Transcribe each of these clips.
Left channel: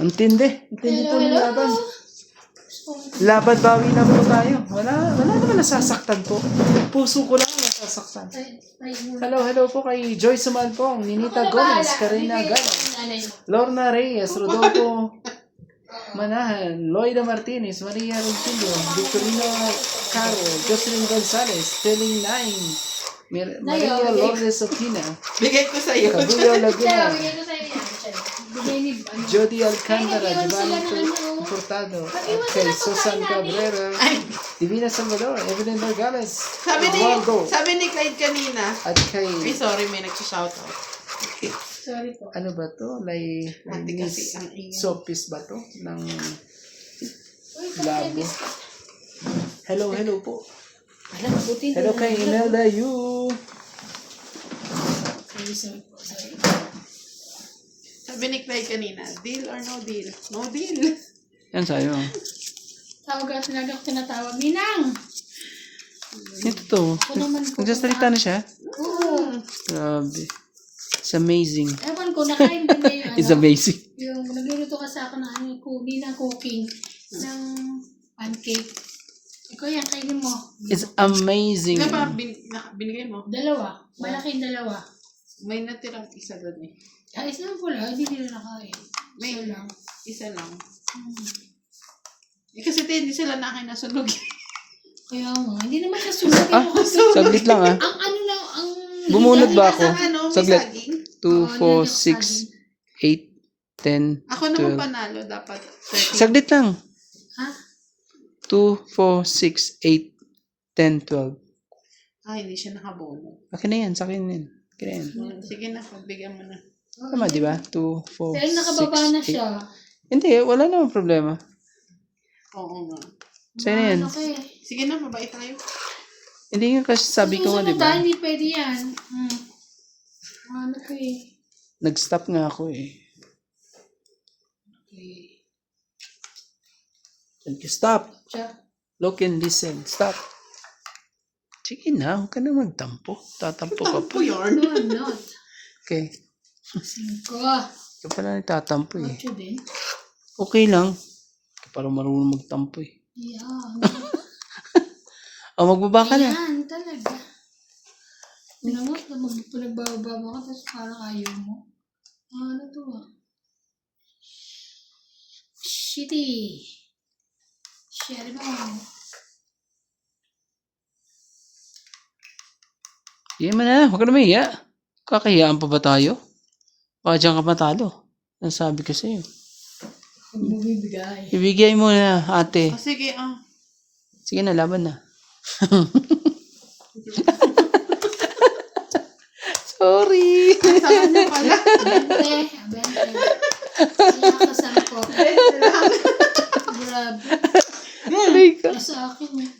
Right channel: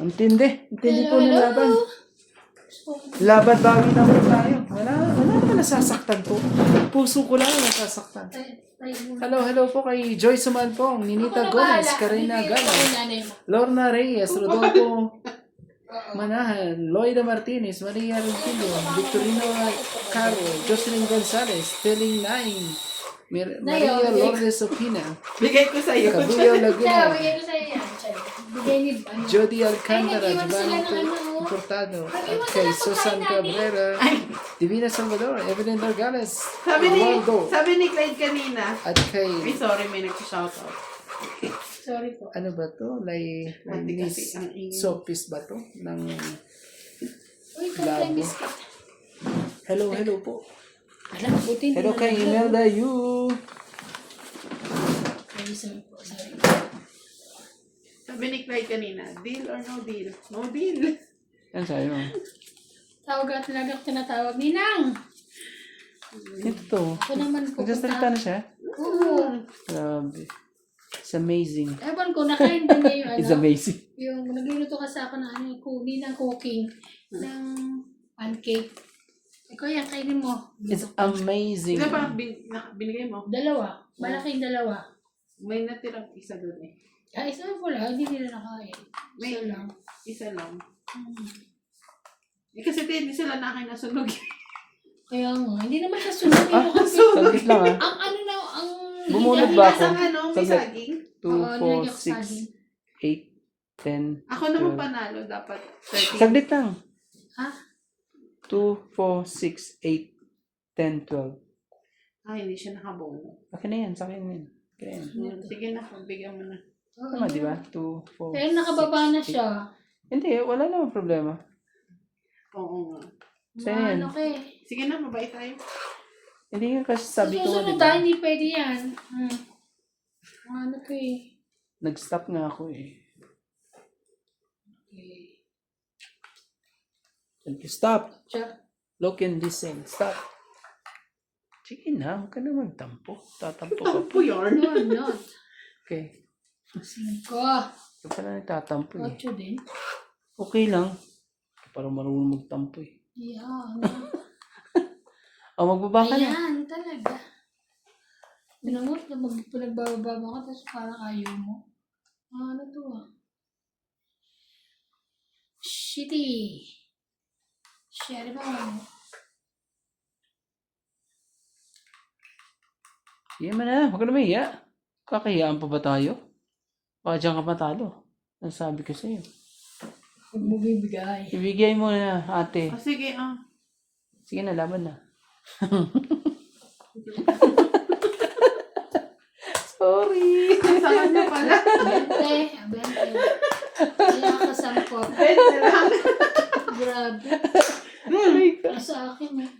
Ang tindi. Ang tindi po ng laban. Laban bawi na po tayo. Wala naman nasasaktan po. Puso ko lang ang nasasaktan. Hello po kay Joy Sumalpong, Ninita Gomez, Karina Gala, Lorna Reyes, Rodolfo Manahan, Loida Martinez, Maria Rentillo, Victorino Caro, Jocelyn Gonzalez, Telling Naing, Maria Lourdes Opina, Bigay ko sa'yo. Cabuyo Laguna, Bigay ko sa'yo yan. Bigay ni Jody Alcantara, Giovanni Portado, at kay Susan Cabrera, Divina Salvador, Evelyn Nogales, Eduardo, Sabi ni Clyde kanina. at kay, Ay, sorry, may nagsa-shoutout. Sorry po. ano ba to? Ate Miss kasi ang ingay. Sopis ba to? Ng labo. Hello po. Alam, buti Hello kay Imelda Yu. Sorry po. Sorry. Sabi ni Clyde kanina, deal or no deal? No deal. Yan sa'yo. Tawag at tinatawag. Ninang! Ito to. Ako naman po. Nagsasalita na siya? Oo. Grabe. It's amazing. Ewan ko, nakain ba na yung It's amazing. yung nagluluto ka sa akin ng Ninang cooking ng pancake. Ikaw yan, kainin mo. It's amazing. Di ba binigay mo? Dalawa. Malaking dalawa. May natirang isa doon eh. Ay, isa lang pala. Hindi nila nakain. May Isa lang. Isa lang. Eh kasi hindi sila nakain na sunog. Kaya nga, hindi naman siya sunugin mo kasi. Saglit lang ah. Ang ano lang, ang... Bumunod ba ako? Ang ano, may Saglit. saging. 2, 4, 6, 8, 10, Ako naman 12. panalo, dapat 30. Saglit lang. Ha? 2, 4, 6, 8, 10, 12. Ah, hindi siya nakabono. Akin na yan. Sa akin yan. Akin na yan. Sige na, pagbigyan mo na. Tama, di ba? 2, 4, Pero nakababa na siya. Hindi, wala namang problema. Oo nga. Sa'yo na yan. Ano ka eh. Sige na, mabait tayo. Hindi nga kasi sabi ko nga, di Susunod ba? hindi pwede yan. Ano ko eh. Nag-stop nga ako eh. Okay. Thank you. Stop. Siya. Look and listen. Stop. Sige na, huwag ka na magtampo. Tatampo ka pa. Po yarn. No, I'm not. Okay. 5. Ka pala nagtatampo eh. 8 din. Okay lang. Para marunong magtampo eh. Yan. O, magbaba ka na. Yan, talaga. Alam mo, pinagbababa mo ka, tapos parang ayaw mo. Ano to ah? Shitty. Shitty ba mo? Sige mo na. Huwag ka na mahiya. Kakahiyaan pa ba tayo? Baka dyan ka matalo. Ang sabi ko sa'yo. Huwag mo bibigay. Ibigay mo na, ate. Ah, sige, Sige na, laban na. Sorry. Sa kanya pala. Abente. Wala ka sampo. Grabe. Aray ka. Sa akin eh.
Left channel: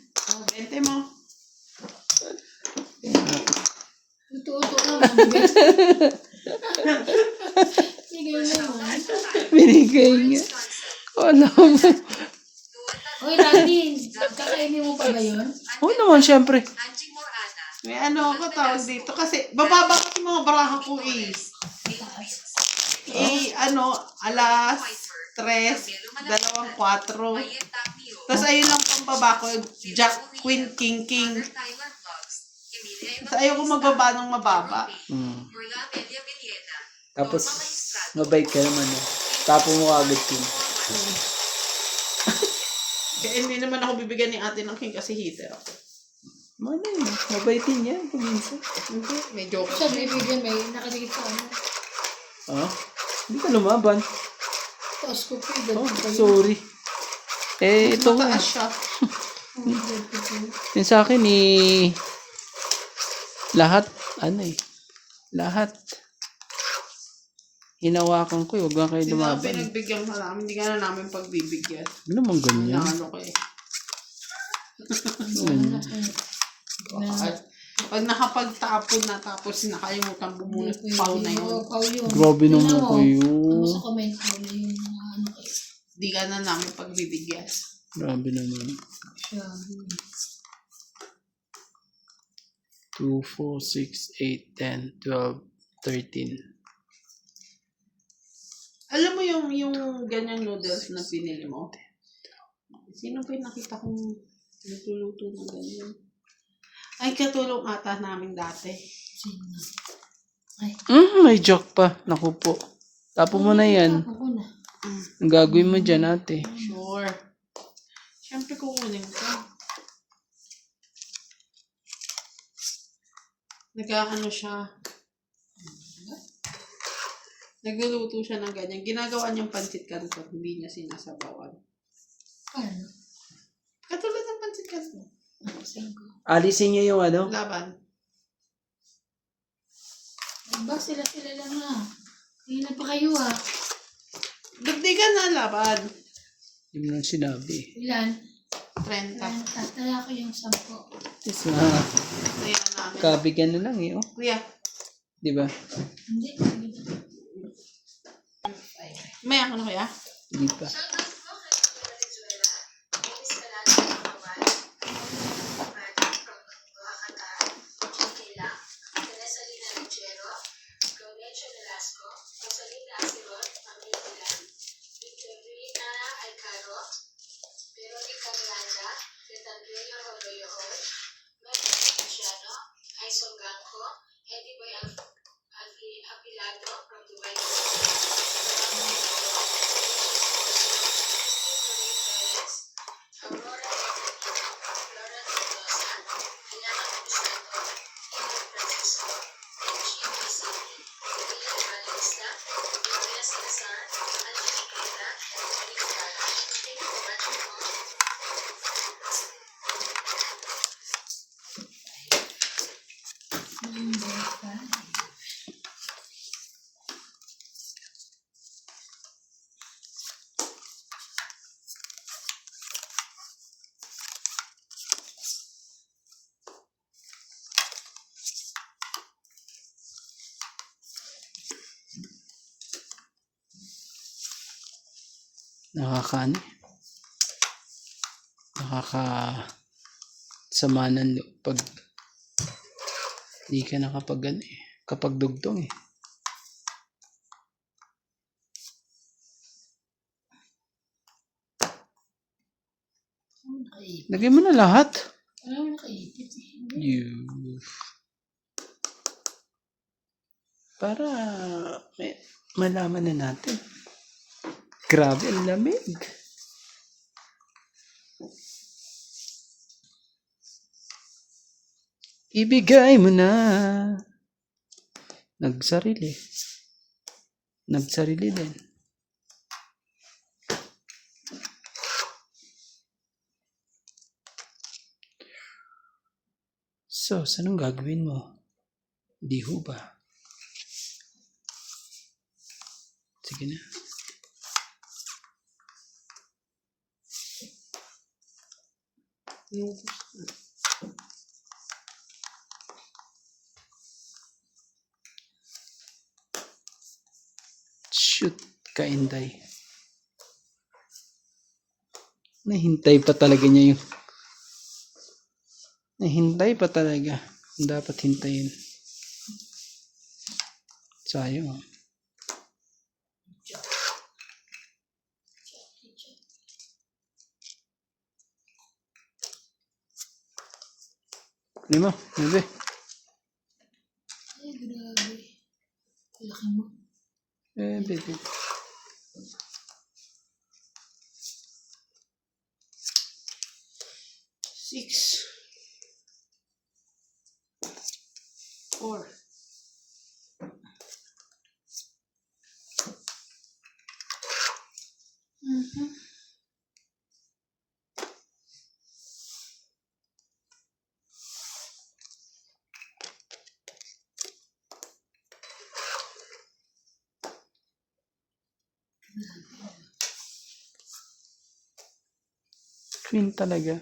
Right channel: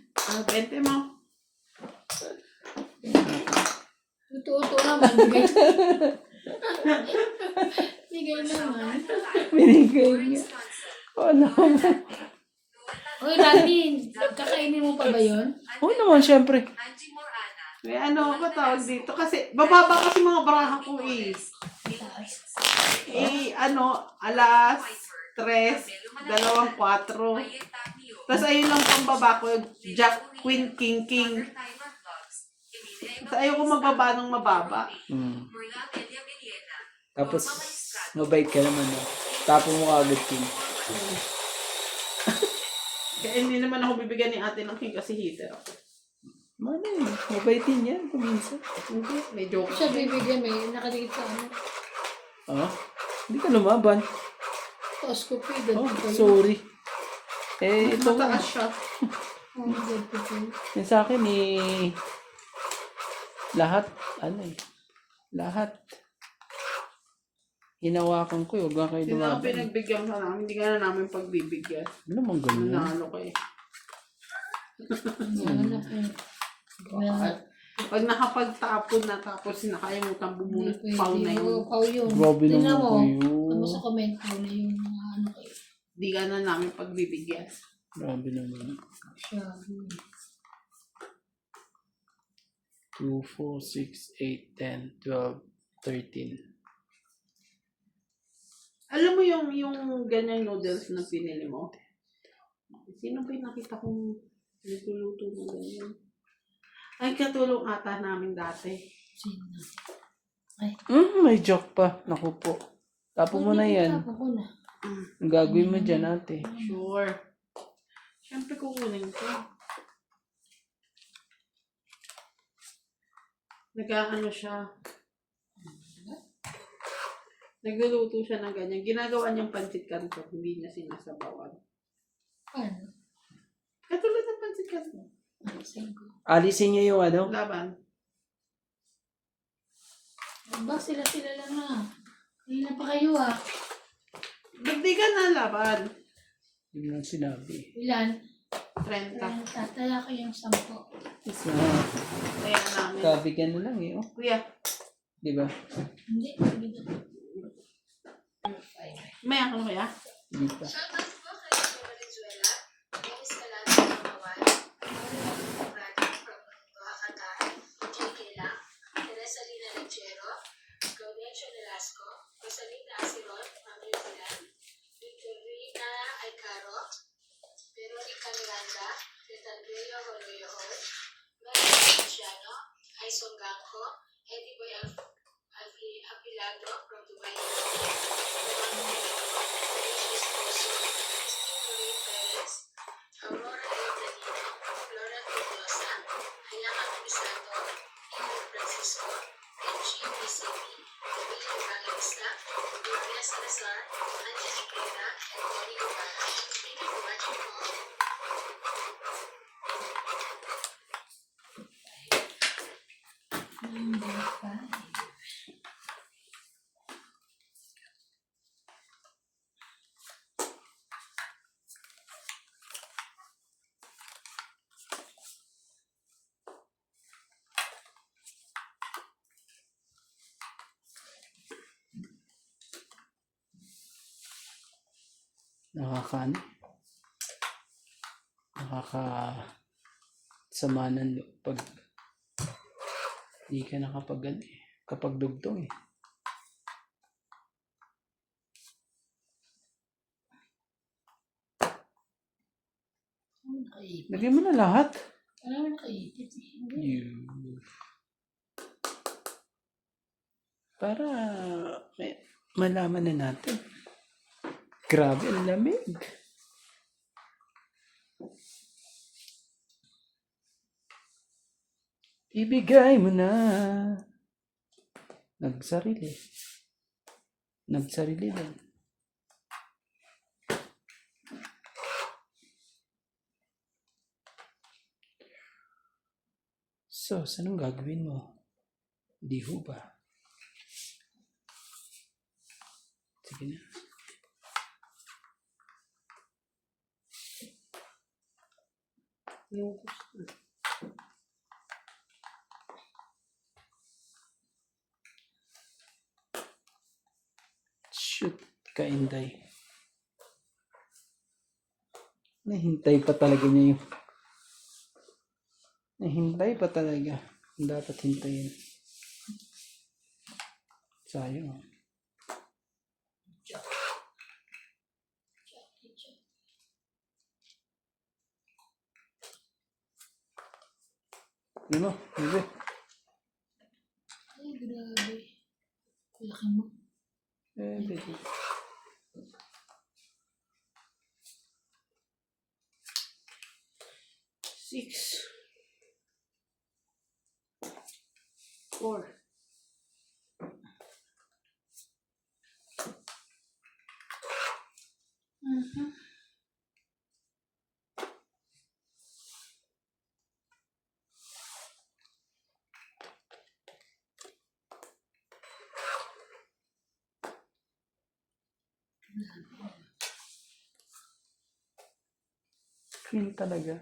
20 mo. Ito lang. Mabigay. Sige naman. Binigay niya. Ano mo? Hoy, Radin. Kakainin mo pa ba yun? Oo naman, syempre. May ano ako tawag dito. Kasi, bababa kasi mga baraha ko is. Alas 3, 2, 4. Tapos ayun lang pang baba ko, Jack, Queen, King, King. Tapos ayaw ko magbaba ng mababa. Tapos, mabait ka naman eh. Tapo mo agad yun. Kaya hindi naman ako bibigyan ni ate ng King kasi heater ako. Mano eh, mabait din yan. Paminsan. Hindi, may joke. Siya bibigyan may nakadikit sa ano. Ah? Hindi ka lumaban. Taas ko po. Oh, sorry. Eh, ito. Mataas siya. Yung sa akin eh, lahat, lahat. Hinawakan ko, huwag nga kayo Sino ang lumaban. pinagbigyan ka namin, hindi ka na namin pagbibigyan. Ano naman ganyan? Ano ko eh. Pag nakapagtapon na tapos nakalimutan bumunot pau na yun. Pau yun. Grabe naman kayo. Ano sa comment mo na yun mga ano kayo. Hindi ka na namin pagbibigyan. Grabe naman. Siya. 2, 4, 6, 8, 10, 12, 13. Alam mo yung ganyang noodles na pinili mo? Sino ba yung nakita kong nagluluto ng ganyan? Ay, katulong ata namin dati. Sino? Ay. May joke pa. Naku po. Tapo mo na yan. Tapon ko na. Ang gagawin mo dyan, ate. Sure. Siyempre kukunin ko. Nag-ano siya. Nagluluto siya ng ganyan. Ginagawa niyang pancit canton. Hindi niya sinasabawan. Ano? Katulad ng pancit canton. Alisin ko. Alisin niyo yung ano? Laban. Ba, sila lang na. Hindi na pa kayo ah. Dagdigan na laban. Hindi mo lang sinabi. Ilan? 30. Tataya ko yung 10. Isa. Ayan namin. Kabigyan na lang eh. Oh. Kuya, Di ba? Hindi. Sige na. may ako na kuya. Hindi pa. Nakakasama ng loob pag hindi ka nakapag kapag dugtong eh. Nakaipit. Lagay mo na lahat. Alam mo nakaipit eh. Para malaman na natin. Grabe ang lamig. Ibigay mo na. Nagsarili din. So, anong gagawin mo? Di ho ba? Sige na. Shoot, kainday. Nahintay pa talaga niya yung... Nahintay pa talaga. Dapat hintayin. Sayang. Lima, bebe. Ay, grabe. Laki mo. Bebe. 6. 4. Queen talaga.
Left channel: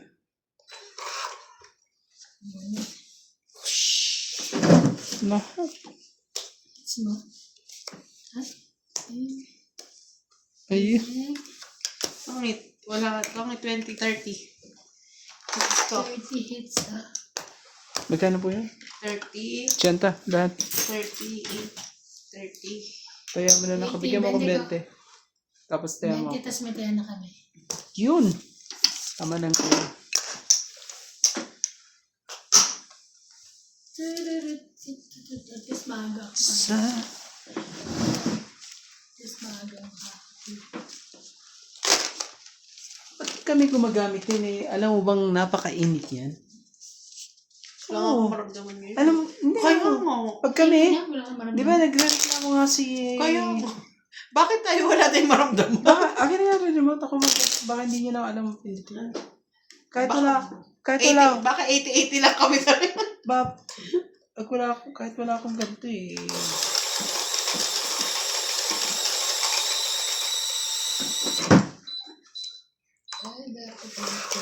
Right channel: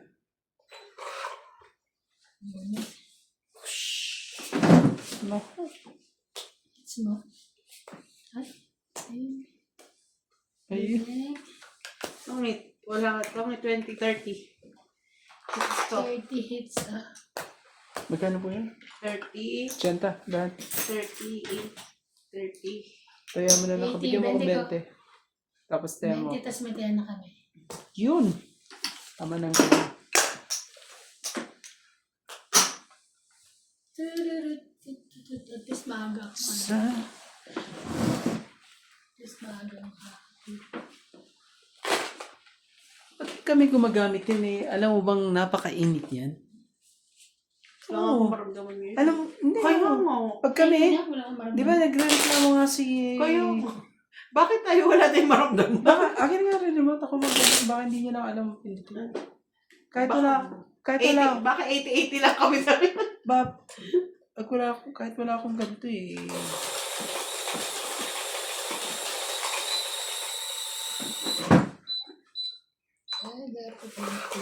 Lahat. It's mo. Ay. Ay. Pangit. Wala. Pangit 20, 30. Ito. 30 hits ah. Magkano po yun? 30. 80, lahat. 30. 30. Kaya mo na nakabigyan mo ko 20. Tapos tayo mo. Kitas may tayo na kami. Yun. Tama lang kayo. At least maaga. Sa... At least maaga. Ba't kami gumagamit yan eh? Alam mo bang napakainit yan? Wala akong maramdaman ngayon. Alam mo, hindi Kaya mo. mo. Pag kami, Wala kang maramdaman. di ba nagreklamo nga si... Kaya mo. Bakit tayo wala tayong maramdaman? Baka, akin nga rin remote ako baka hindi nyo lang alam pindutin. Kahit wala, kahit wala, Baka 80-80 lang kami sa kahit wala akong ganito eh. Ay, dapat ganito.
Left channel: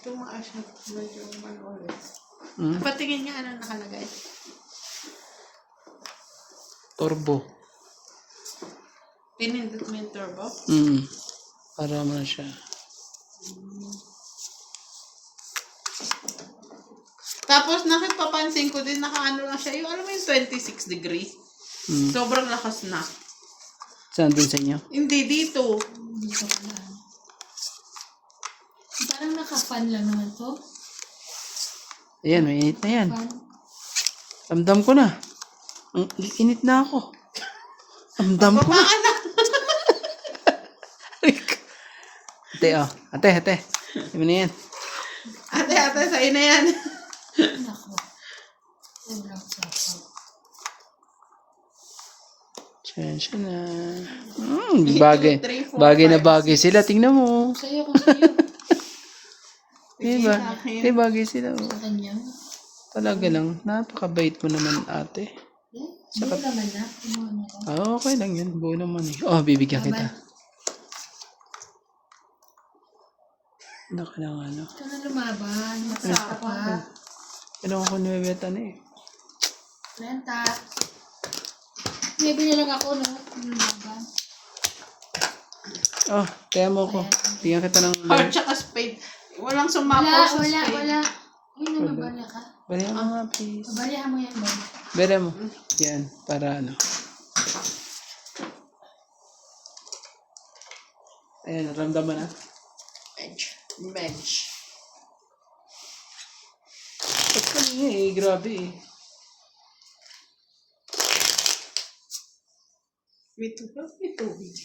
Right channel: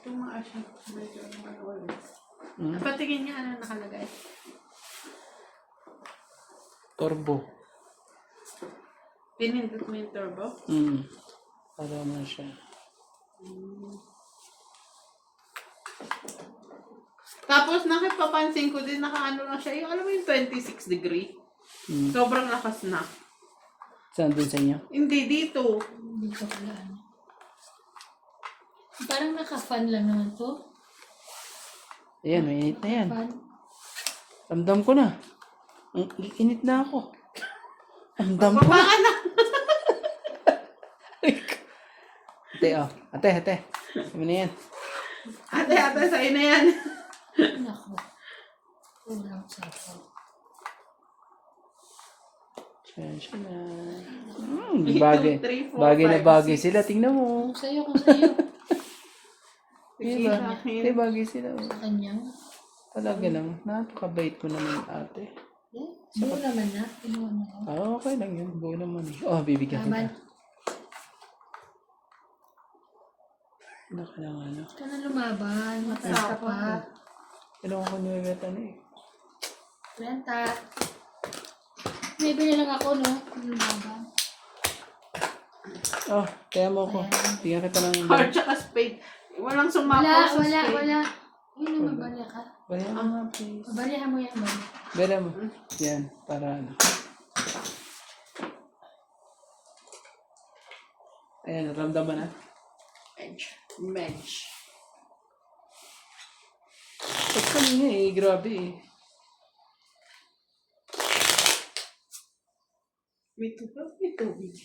Ito mga asya. Medyo ulit. Hmm? Patingin niya ano nakalagay. Turbo. Pinindot mo yung turbo. Para mo siya. Tapos nakipapansin ko din nakaano lang siya. Yung alam mo yung 26 degree. Sobrang lakas na. Saan dun sa inyo? Hindi dito. Hindi ko pala. Parang naka-fan lang naman to. Ayan, may init na yan. Fan. Ramdam ko na. Ang init na ako. Ramdam ko na. Baka na. Ate, oh. Ate. Ano na yan? Ate, sa'yo na yan. Nako. Ulang sasaw. Siya na. Bagay. Bagay sila. Tingnan mo. Sa'yo kung sa'yo. Bagay sila. Sa kanya. Talaga lang. Napakabait mo naman, ate. Buo naman na. Kinuha na lang. Okay lang yun. Buo naman eh. Oh, bibigyan kita. Naka lang ano. Ito na lumaban. Matas ka pa. Ano ko nuwebeta na eh. Renta. Maybe na lang ako, no? Lumaban. Oh, kaya mo ko. Bigyan kita ng... Or tsaka spade. Walang sumapaw sa spade. Wala. Uy, naman balya ka. Barihan mo nga, please. Balyahan mo yan, balya. Barihan mo. Yan, para ano. Ayan, naramdaman na. Bench. Ba't kanina eh, grabe eh. May tubig.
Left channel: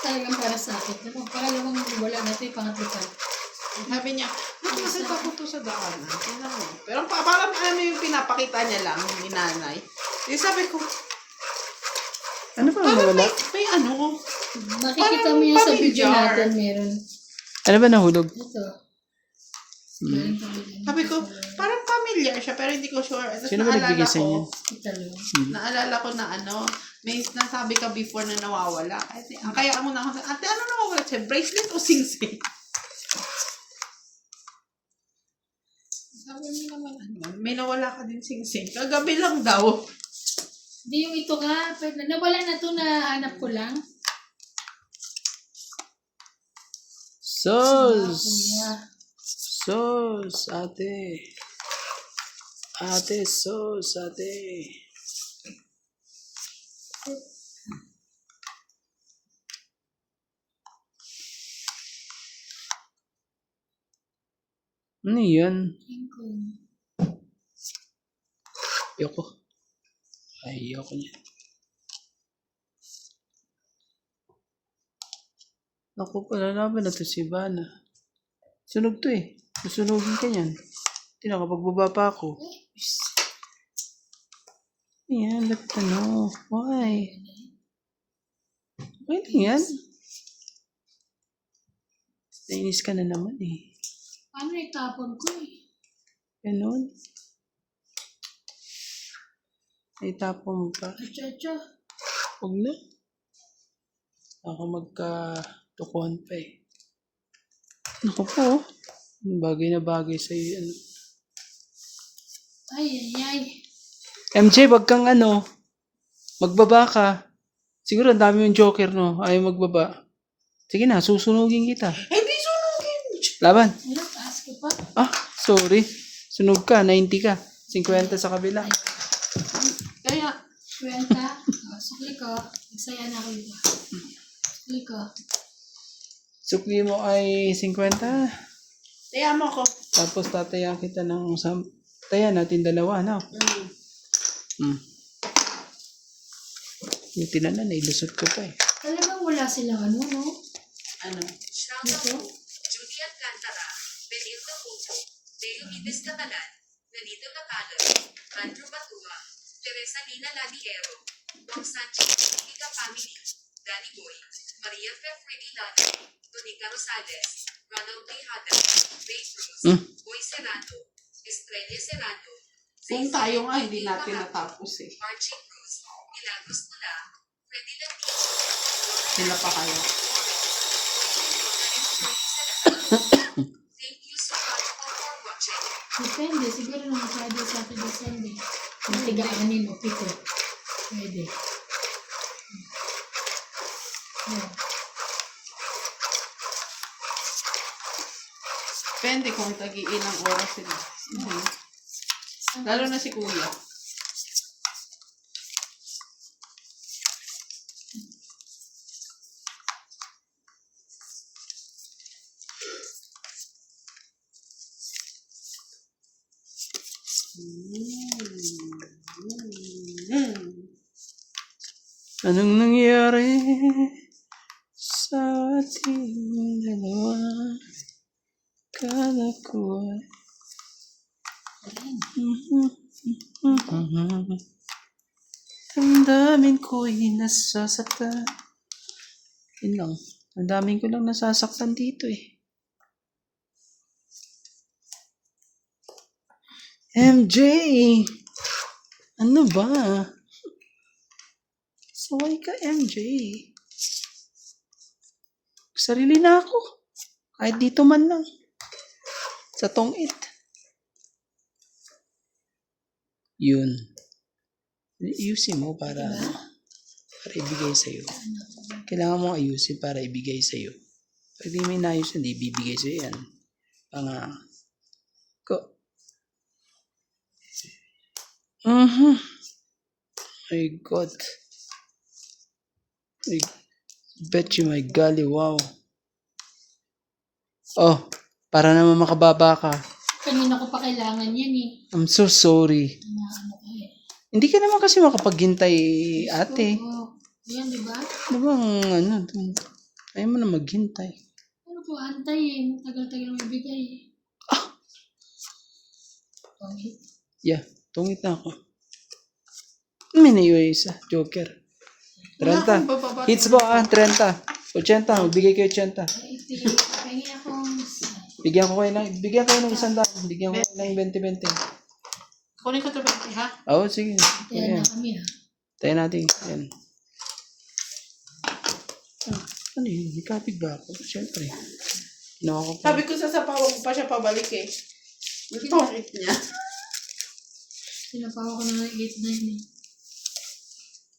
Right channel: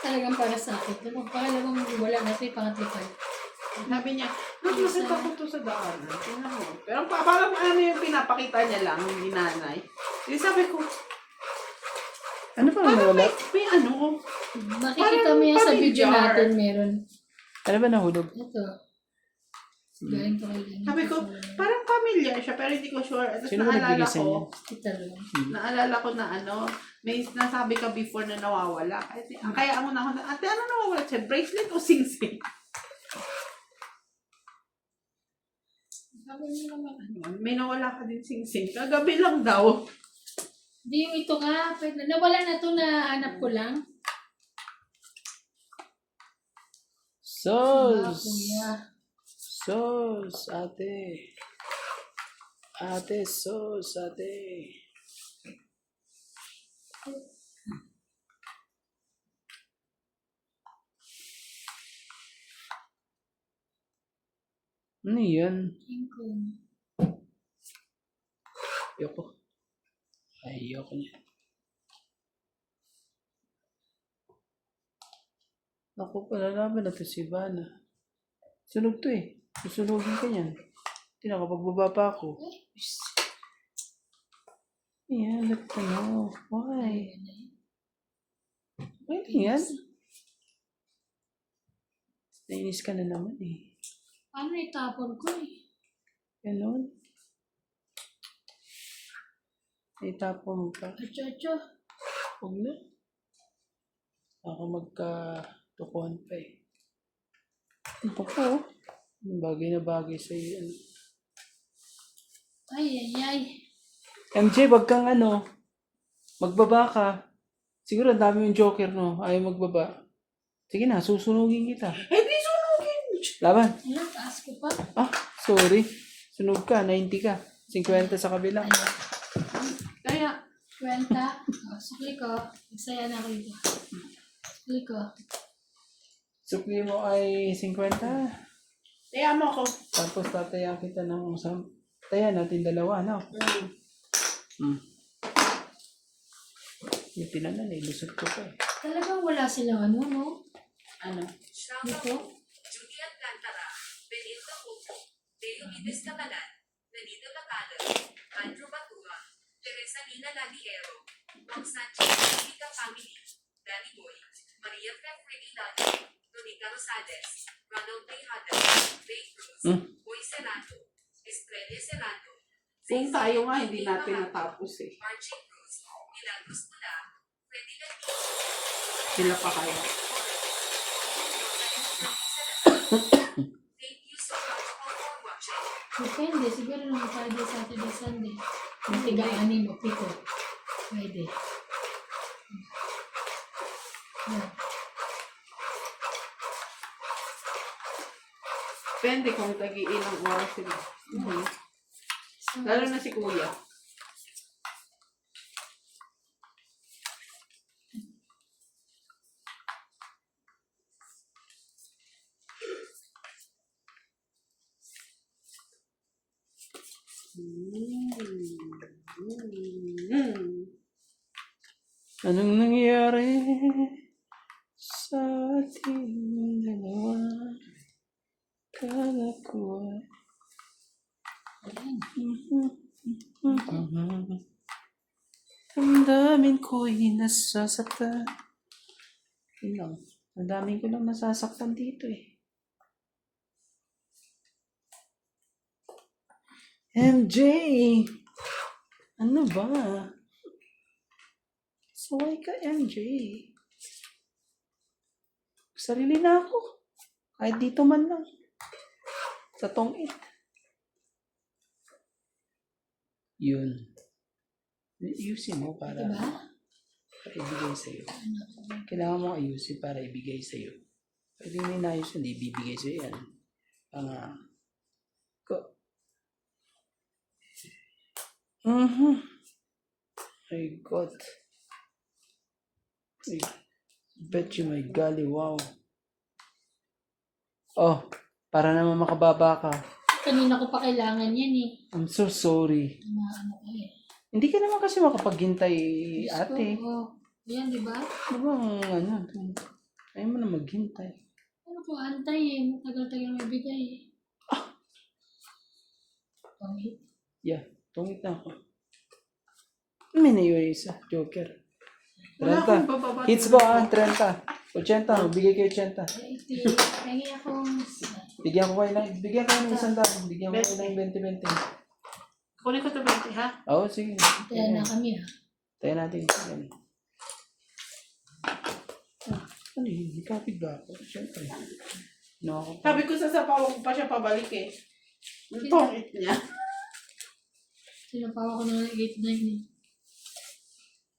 Talagang para sa akin. Diba? Pangalawang wala na ito yung pangatlo pa. Sabi niya, nagmasad ako to sa daanan. Tingnan mo. Pero parang ano yung pinapakita niya lang, yung inanay. Di sabi ko, Ano ba nawala? may ano. Makikita mo yan sa video familiar. natin meron. Ano ba nahulog? Ito. Meron talaga. Sabi ko, parang familiar siya, pero hindi ko sure. Tapos Sino ba nagbigay sa inyo? Kita lang. Naalala ko na ano, may nasabi ka before na nawawala. Kaya ako na ako, ate, ano nawawala siya? Bracelet o sing-sing? Sabi niya naman, ano, may nawala ka din sing-sing. Kagabi lang daw. Hindi yung ito nga. Nawala na ito na hanap ko lang. Sos! Kuya. Sos, ate. Ate, sos, ate. Ano yan? King. Ayoko. Ayoko niya. Ako pala naman na to si Ivana. Sunog to eh. Susunugin ka niyan. Hindi nakapagbaba pa ako. Ayan, ba't ano? Why? Okay lang yan. Nainis ka na naman eh. Ano itapon ko eh? Ganun. Itapon mo pa. Acha. Huwag na. Ako magka-tukuhan pa eh. Naku po. Bagay na bagay sa'yo. Ano. Ay. MJ, wag kang ano. Magbaba ka. Siguro ang dami yung joker, no? Ayaw magbaba. Sige na, susunugin kita. Hindi sunugin. Laban. Ayun, taas ko pa. Ah, sorry. Sunog ka, 90 ka. 50 sa kabila. Kaya, Kwenta. Sukli ko. Nagsaya na ako dito. Sukli ko. Sukli mo ay 50. kaya mo ako. Tapos tatayan kita ng taya natin dalawa, no? Yung tinanan, ilusot ko pa eh. Talagang wala silang ano, no? Ano? Dito? Judy Alcantara, Benildo Pupo, Deo Mides Catalan, Nanito Catalan, Andrew Batua, Teresa Lina Ladiero, Juan Sanchez, Erika Family, Danny Boy, Maria Fefredilano, Tonica Rosales, Ronald Tejada, Ray Cruz, Boy Serrano, Estrella Serrano, Kung tayo nga, hindi natin natapos eh. Archie Cruz, Milagros Tula, Freddy Latiz, Sila pa kaya. Thank you so much all for watching. Depende. Siguro naman Friday, Saturday, Sunday. Yung tiga-anim o pito. Pwede. Yan. Depende kung tag-iilang oras sila. Lalo na si Kuya. Anong nangyari sa ating dalawa? Kala ko ay... Ang daming ko'y nasasaktan. Yun lang. Ang daming ko lang nasasaktan dito eh. MJ! Ano ba? Saway ka, MJ. Sarili na ako. Kahit dito man lang. Sa tongit. Yun. Ayusin mo para ibigay sa'yo. Kailangan mo ayusin para ibigay sa'yo. Pag di mo inayos yun, di ibibigay sa'yo yan. My God. I bet you my golly, wow. Oh, para naman makababa ka. Kanina ko pa kailangan yan eh. I'm so sorry. Ano ka eh. Hindi ka naman kasi makapaghintay, ate. Oo. Yan, di ba? Ano bang ano? Ayaw mo na maghintay. Ano ko, antay eh. Tagal-tagal mo ibigay eh. Pangit. Yeah, tungit na ako. May naiwa isa, Joker. 30. Hits mo 30. 80, magbigay kayo 80. Pahingi akong... Bigyan ko kayo ng 100. Bigyan ko kayo ng 20-20. Kunin ko ito 20 ha? Oo, sige. Kaya na kami ha. Tayo natin. Yan. Ano yun? May kapit ba ako? Siyempre. Ako pa. Sabi ko sasapawan ko pa siya pabalik eh. Nagpapit niya. Sinapawa ko na ng 8-9 eh.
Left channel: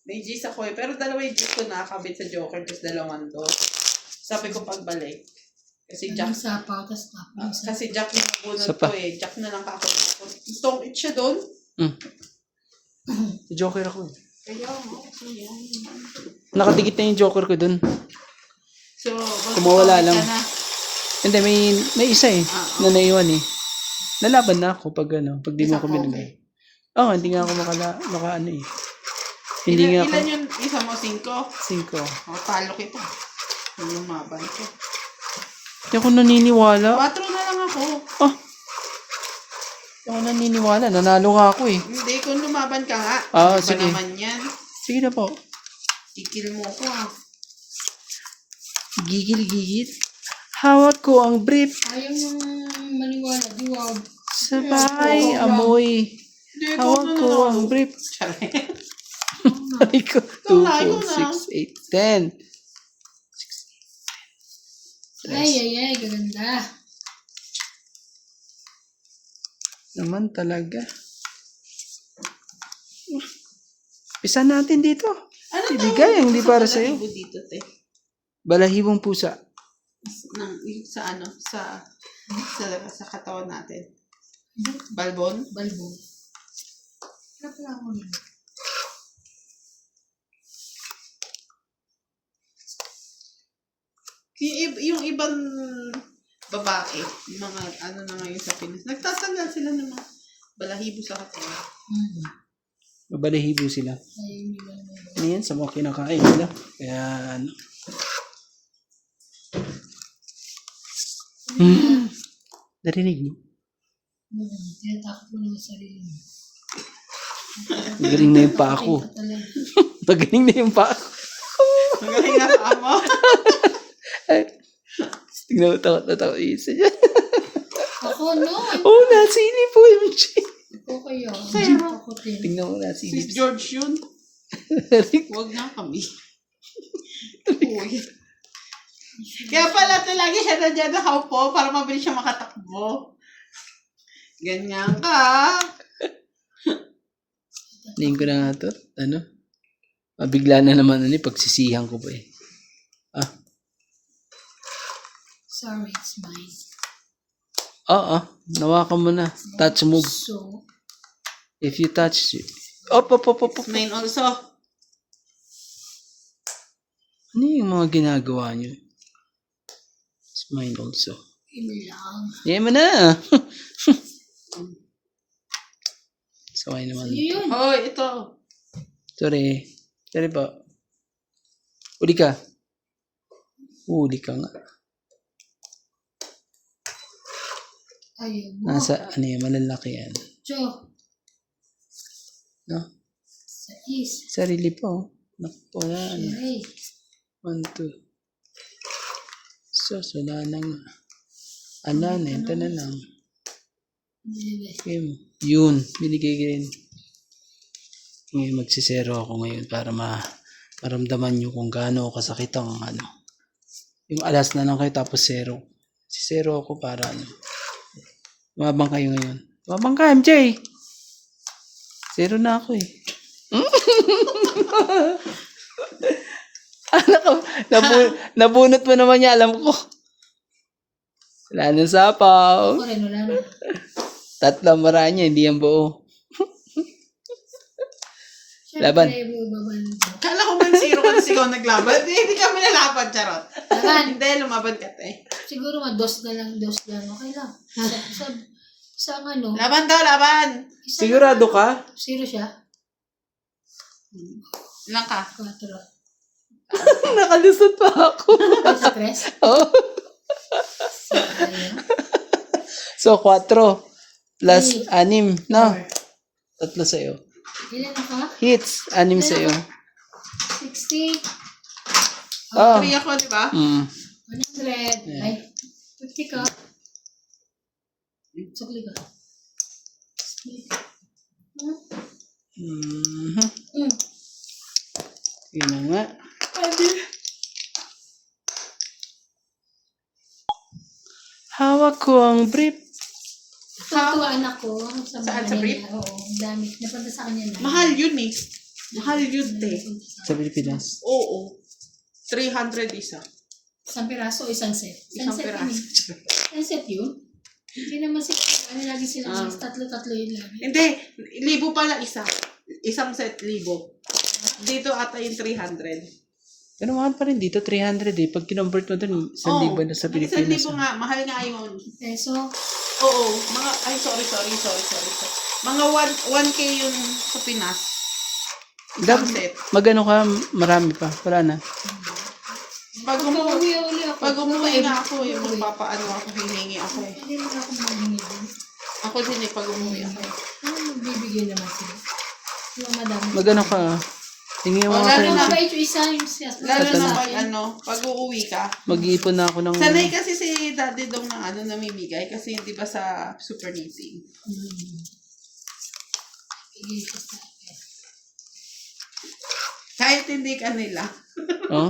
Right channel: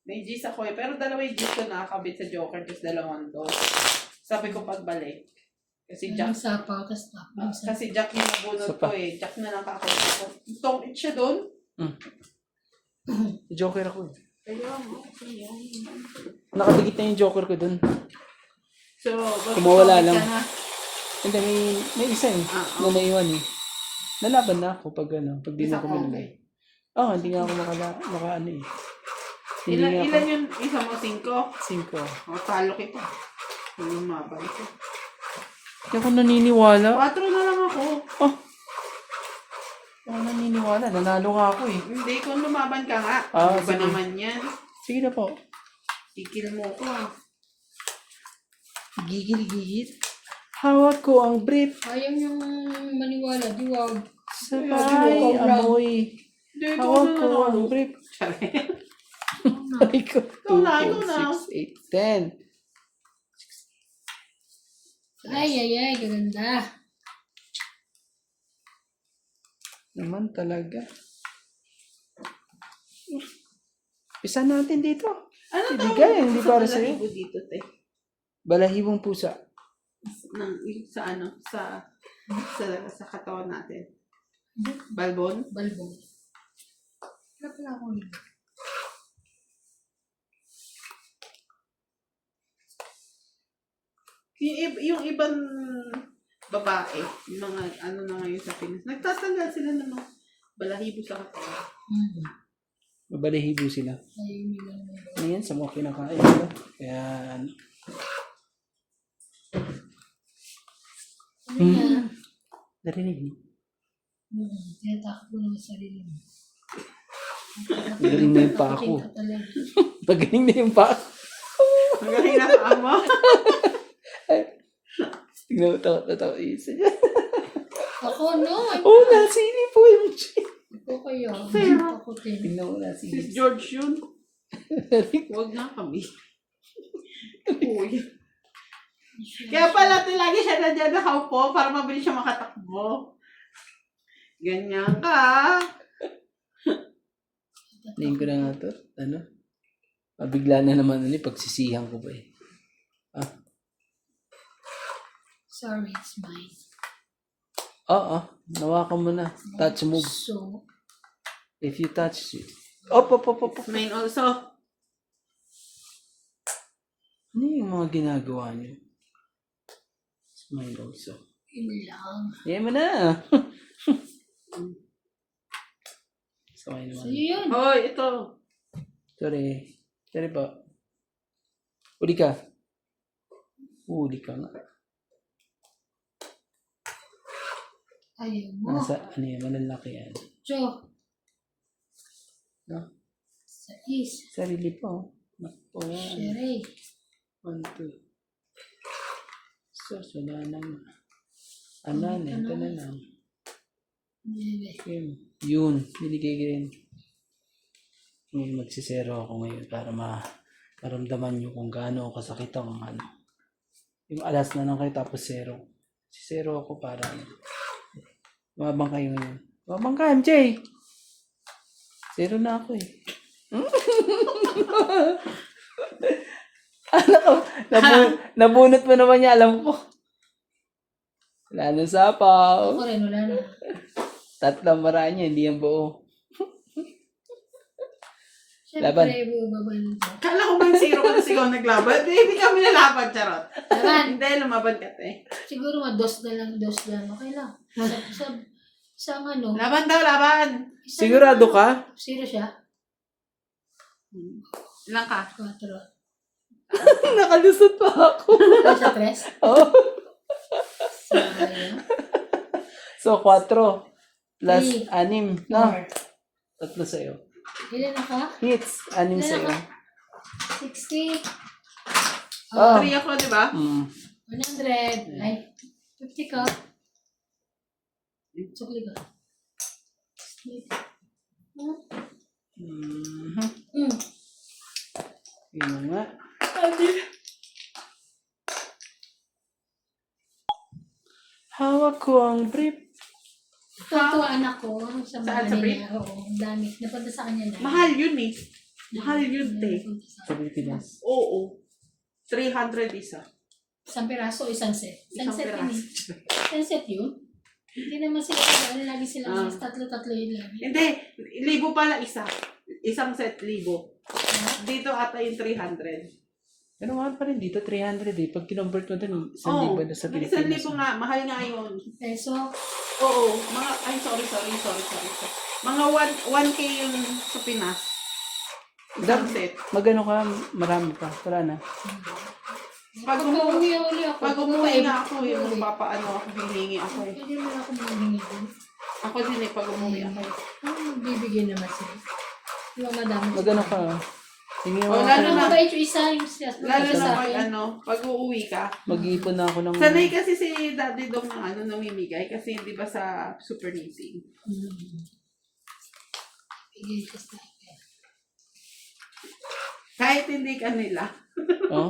May G's ako eh. Pero dalawa yung G's ko nakakabit sa Joker. Tapos dalawang to. Sabi ko pagbalik. Kasi Jack. Ang sapaw, tapos tapos. Kasi Jack yung nabunod Sapa. ko eh. Jack na lang kakabit ko. Stone it siya doon. Joker ako eh. Kaya mo. Ayan. Nakadikit na yung Joker ko dun. So, Kumawala lang. ka na. Hindi, may isa eh. Na naiwan eh. Nalaban na ako pag di mo Isa ako ka, minagay. Oo, hindi nga ako maka ano eh. Hindi nga ako. Ilan yung isa mo? 5? 5. O, talo kita. Yung mabay ko. Hindi ako naniniwala. 4 na lang ako. Oh. Ako naniniwala. Nanalo nga ako eh. Hindi, kung lumaban ka nga. Ah, Ano ba sige. naman yan? Sige na po. Kikil mo ko. Gigil. Hawak ko ang brief. Ayaw niyang maniwala. Di wag. Sabay amoy. Hindi, ikaw Hawak na ko naman. ang brief. Sorry. Ay ko. 2, na, ikaw 4, na. 6, 8, 10. Ay, ganda. Naman talaga. Isa natin dito. Ano Ibigay ang hindi para sa'yo. Balahibo dito, te. Balahibong pusa. Sa katawan natin. Balbon? Balbon. Wala pala ako yun. Yung ibang babae, yung mga ano na ngayon sa Pinas, nagtatanggal sila ng mga balahibo sa katawan. Balahibo sila. Ay, hindi lang naman. Ano yan? Sa mga kinakain nila. Kaya ano. Narinig mo? Tinatakot mo naman sarili mo. Magaling na yung pa ako. Ka talaga. Magaling na yung pa ako. Magaling na pa mo. Tingnan mo, takot na takot. Isa dyan. Ako, no. Oh, nasili po yung Jay. Ako kaya. Sa'yo. Ako din. Tingnan mo, nasili. Si George yun. Huwag na kami. Uy. Kaya pala lagi siya nandiyan nakaupo para mabilis siya makatakbo. Ganyan ka. Tingin ko na nga to. Ano? Mabigla na naman ano, pagsisihan ko pa eh. Sorry, it's mine. Oo. Nawakan mo na. Touch move. So, If you touch it. Op. It's mine also. Ano yung mga ginagawa niyo? It's mine also. yun lang. Yan mo na. Saway naman. Yun. Hoy, ito. Sorry. Sorry po. Uli ka. Uli ka nga. Ayaw mo. Nasa, ano yan, malalaki yan. Jo. No? Sa is. Sarili po. Naku, yan. Sherry. 1, 2. So, wala na nga. Ano na, ito na lang. Okay. Yun, binigay ko rin. Ngayon, magsisero ako ngayon para maramdaman nyo kung gaano kasakit ang ano. Yung alas na lang kayo tapos zero. Sisero ako para ano. Mabang kayo ngayon. Mabang ka, MJ! Zero na ako eh. Anak ko, nabunot mo naman niya, alam ko. Wala nang sapaw. Ako rin, wala na. Tatlong maraan niya, hindi yan buo. Laban. Siyempre, babalik ko. Kala ko man zero ka na sigaw naglaban. Hindi kami nalaban, charot. Laban. Hindi, lumaban ka, te. Siguro dos na lang. Okay lang. Sa ano. Laban daw, laban. isang- Sigurado ka? Zero siya? Ilang ka? 4. Nakalusot pa ako. Sa 3? Oh. Sa ayaw. So, 4 plus 6, no? 4. 3 sa'yo. Ilan ako? Hits, 6 sa'yo. 60. Oh. 3 ako, di ba? 100. Ay, 50 ka. Sukli ka. Yun na nga. Hawak ko ang brief. Tutuan ako sa Saan, mga sa brief? nila. Oo, ang dami. Napunta sa kanya na. Mahal yun eh. Mahal yun, te. Sa Pilipinas. Oo. 300 isa. Isang piraso o isang set? Isang Isang set piraso. yun. Isang set yun? Hindi naman sila, ano lagi sila, mas tatlo-tatlo yun lagi. Hindi, 1,000 pala isa. Isang set, 1,000. Dito ata yung 300. Pero mahal pa rin dito, 300 eh. Pag kinumbert mo dun, 1,000 na sa Pilipinas. 1,000 nga, mahal nga yun. Peso, Oo, mga, ay sorry. Mga 1K yun sa Pinas. Isang set. Magano ka, marami pa. Wala na. Pag pag-uwi ako. Pag umuwi na ako, yung magpapaano ako, hihingi ako eh. Hindi naman ako maghingi dun. Ako din pag umuwi ako. Bibigyan naman sila. Yung madami. Magano ka? Tingin mo Wala ako. Ano na. mabait yung isa, yung siya. Lalo na sa pag akin. pag uuwi ka. Mag-iipon na ako ng... Sanay kasi si Daddy Dong ng namimigay kasi di ba sa super knitting. Bigay siya sa akin. Kahit hindi ka nila. Oh?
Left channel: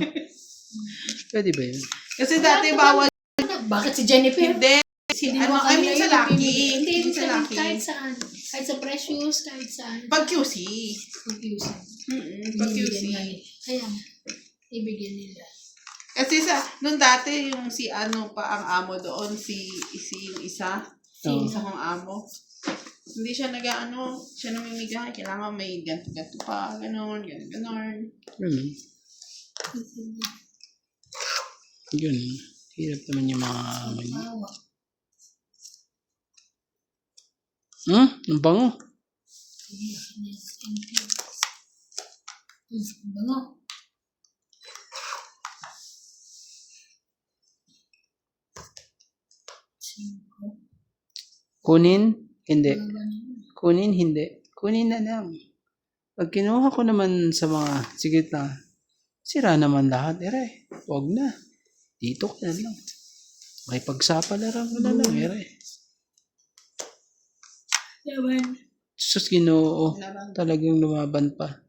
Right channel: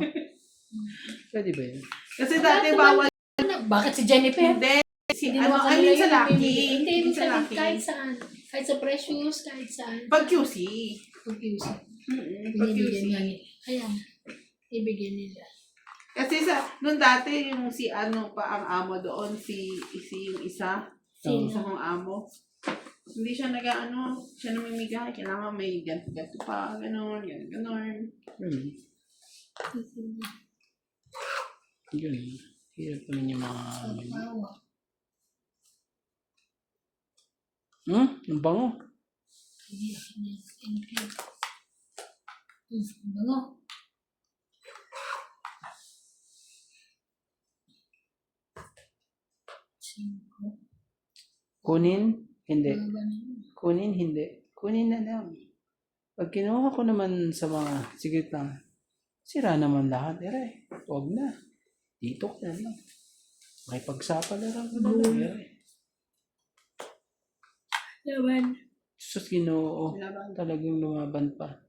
Pwede ba yun? Kasi dati bawal Bakit si Jennifer? hindi. Hindi naman I mean kanila sa yun Lucky. bibigay. Hindi, Hindi sa sa Lucky. kahit saan. Kahit sa Precious, kahit saan. Pag QC. Pag-usap. Pag QC. Ayan. Ibigyan nila. Kasi nung dati yung si ano pa ang amo doon, yung isa. Sino? Isa kong amo. Hindi siya siya namimigay. Kailangan may ganto-ganto pa, ganon. Yun. Hirap naman yung mga... Tawa. Ang bango. Sige, thank you. Bango. Kunin? Hindi. Bango. Kunin? Hindi. Kunin na lang. Pag kinuha ko naman sa mga... Sige na. Sira naman lahat. Huwag na. Dito ka na lang. May pagsapalaran mo na lang. Laban. Sus, Ginoo. Talagang lumaban pa.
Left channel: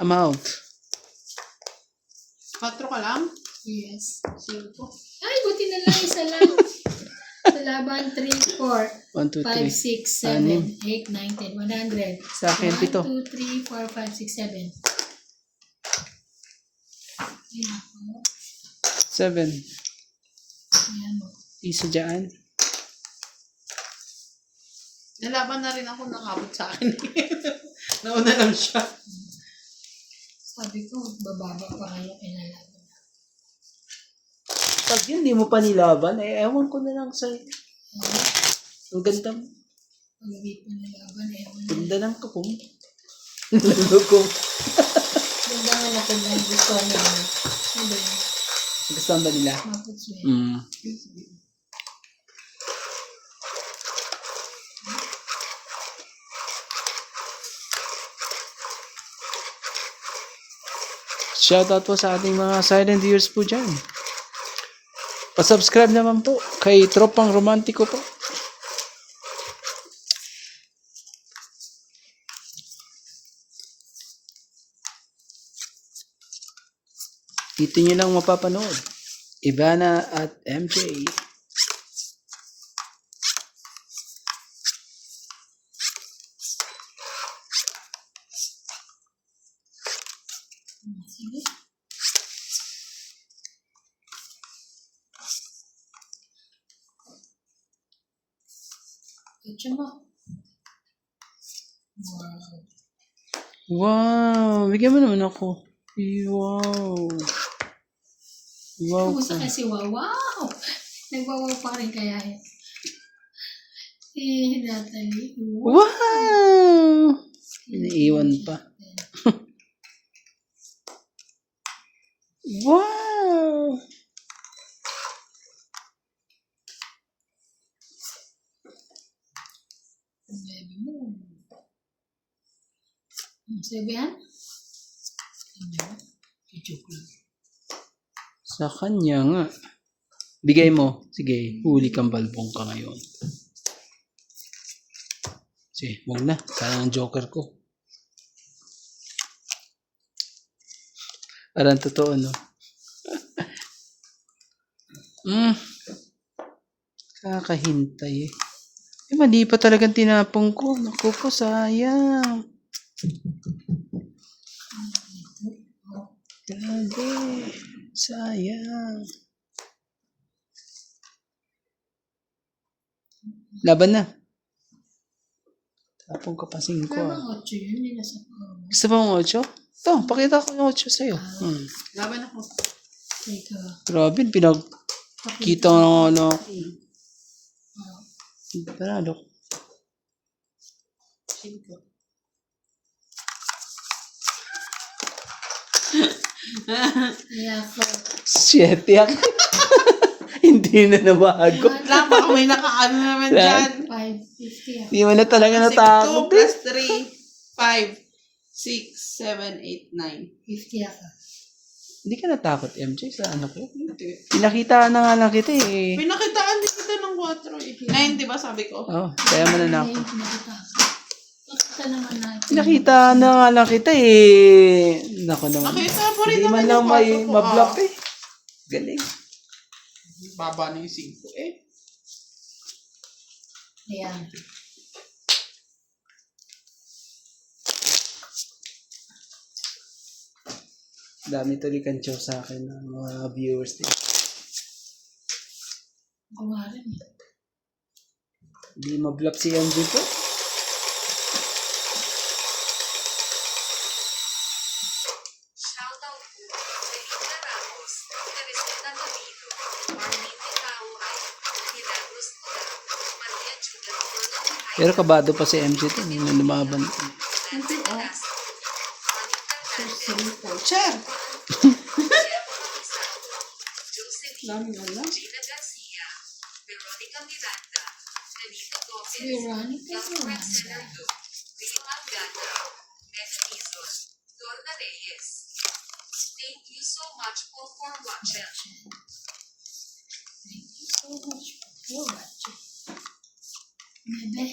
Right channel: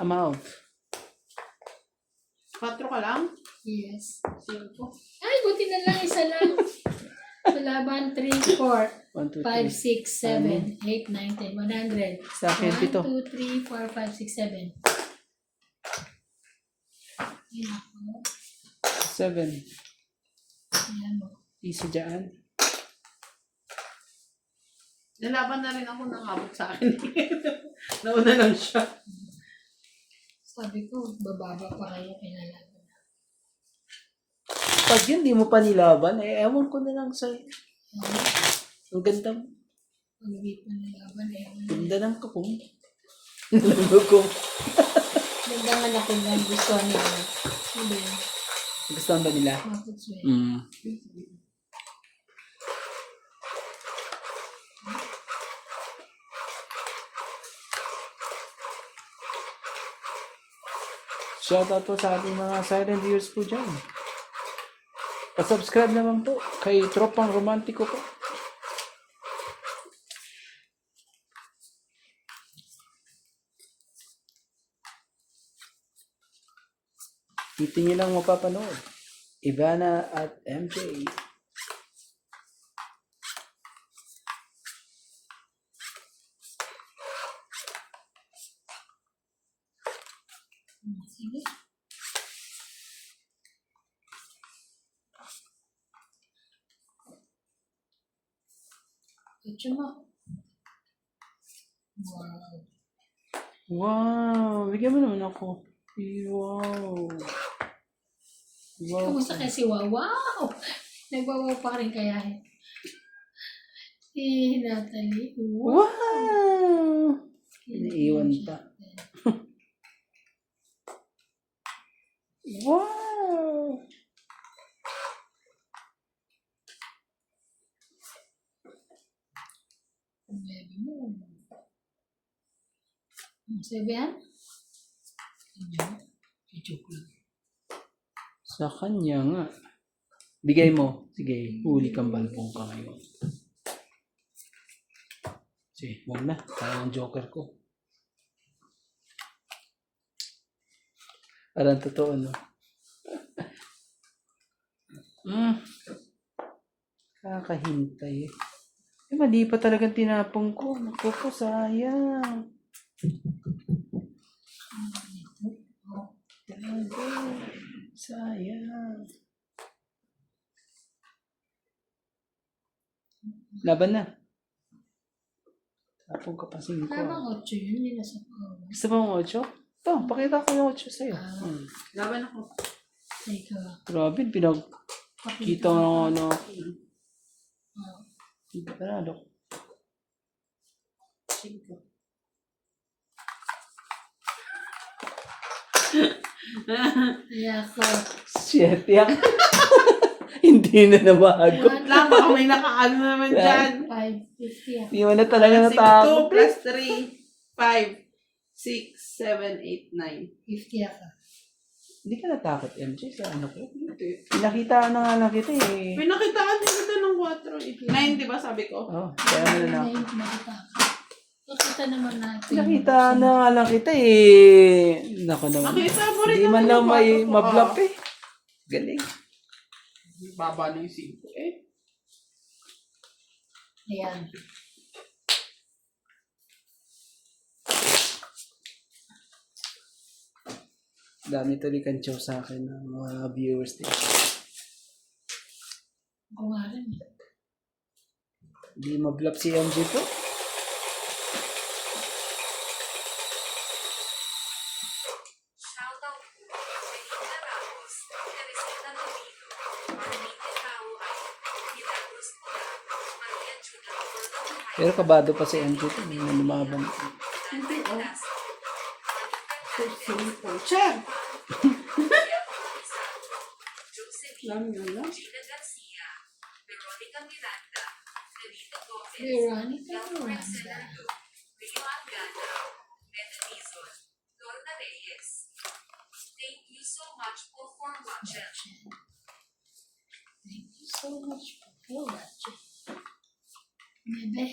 Amount. 4 ka lang? Yes. 5. Ay, buti na lang isa lang. Sa laban, 3, 4, 1, 2, 5, 6, 7, 8, 9, 10, 100. Sa akin, 1, 7. 2, 3, 4, 5, 6, 7. Ayan ako. 7. Ayan mo. Isa dyan. Nalaban na rin ako nakabot sa akin. Nauna lang siya. Sabi ko, bababa pa kayo kinalaban. Pag yun, di mo pa nilaban, ewan ko na lang sa'yo. Ang ganda mo. Pag hindi pa nalaban, ewan na. Ganda ng kapong. Nalulukong. Ganda nga na kung gusto niya. Hindi. Gusto ba nila? Maputswe. Shoutout po sa ating mga silent viewers po dyan. Pa-subscribe naman po kay Tropang Romantiko po. Dito nyo lang mapapanood. Ivana at MJ. Sige. Ito mo. Wow. Wow! Bigyan mo naman ako. Wow! Wow! Kumusta kasi wow? Wow! Nagwawaw pa rin kaya eh. Natalie. Wow! Iniiwan pa. Wow! Baby mo. Sabi yan? Joke lang. Sa kanya nga. Bigay mo. Sige, huli kang balbong ka ngayon. Sige, huwag na. Sayang ang joker ko. Parang totoo, no? Kakahintay eh. Mali pa talagang tinapong ko. Naku po, sayang. Grabe. Sayang. Laban na. Tapong ka pa 5. Parang 8 yun. Hindi nasa power. Gusto mo ang 8? Ito, pakita ko yung 8 sa'yo. Laban ako. Ito. Grabe, pinagkita ko ng ano. Panalo. 5. Yeah, 4. 7 yan. Hindi na nabago. Lang, baka may nakaano naman dyan. 550 ako. Hindi mo na talaga 2 natakot. plus 3, 5, 6, 7, 8, 9. 50 ako. Hindi ka natakot, MJ, sa ano ko? Pinakita na nga lang kita eh. May nakitaan din kita ng 4 eh. 9, di ba sabi ko? Oh, kaya mo na na. Nakita ako. Nakita naman natin. Pinakita na nga lang kita eh. Nako naman. Nakita mo rin Hindi man naman lang yung may kwarto ko, mablap eh. Galing. Baba na yung 5 eh. Ayan. Dami tulikan chow sa akin ng mga viewers din. Kumarin. Hindi mablap si MJ po. Shoutout po kay Linda Ramos, Teresita Tolino, Arlene Tauhay, Hidalgos Tula, Maria Julia Orlando Pero kabado pa si MJ to. Hindi na lumaban. Nancy Velasco, Anita Simple. Chair! Josephine, Dami na lang. Gina Garcia, Veronica Miranda, Nelito Gomez, Veronica Wilfred Miranda. Senardo, Rio Angana, Ned Tizon, Lorna Reyes. Thank you so much for watching. Thank you so much for watching. Bebe.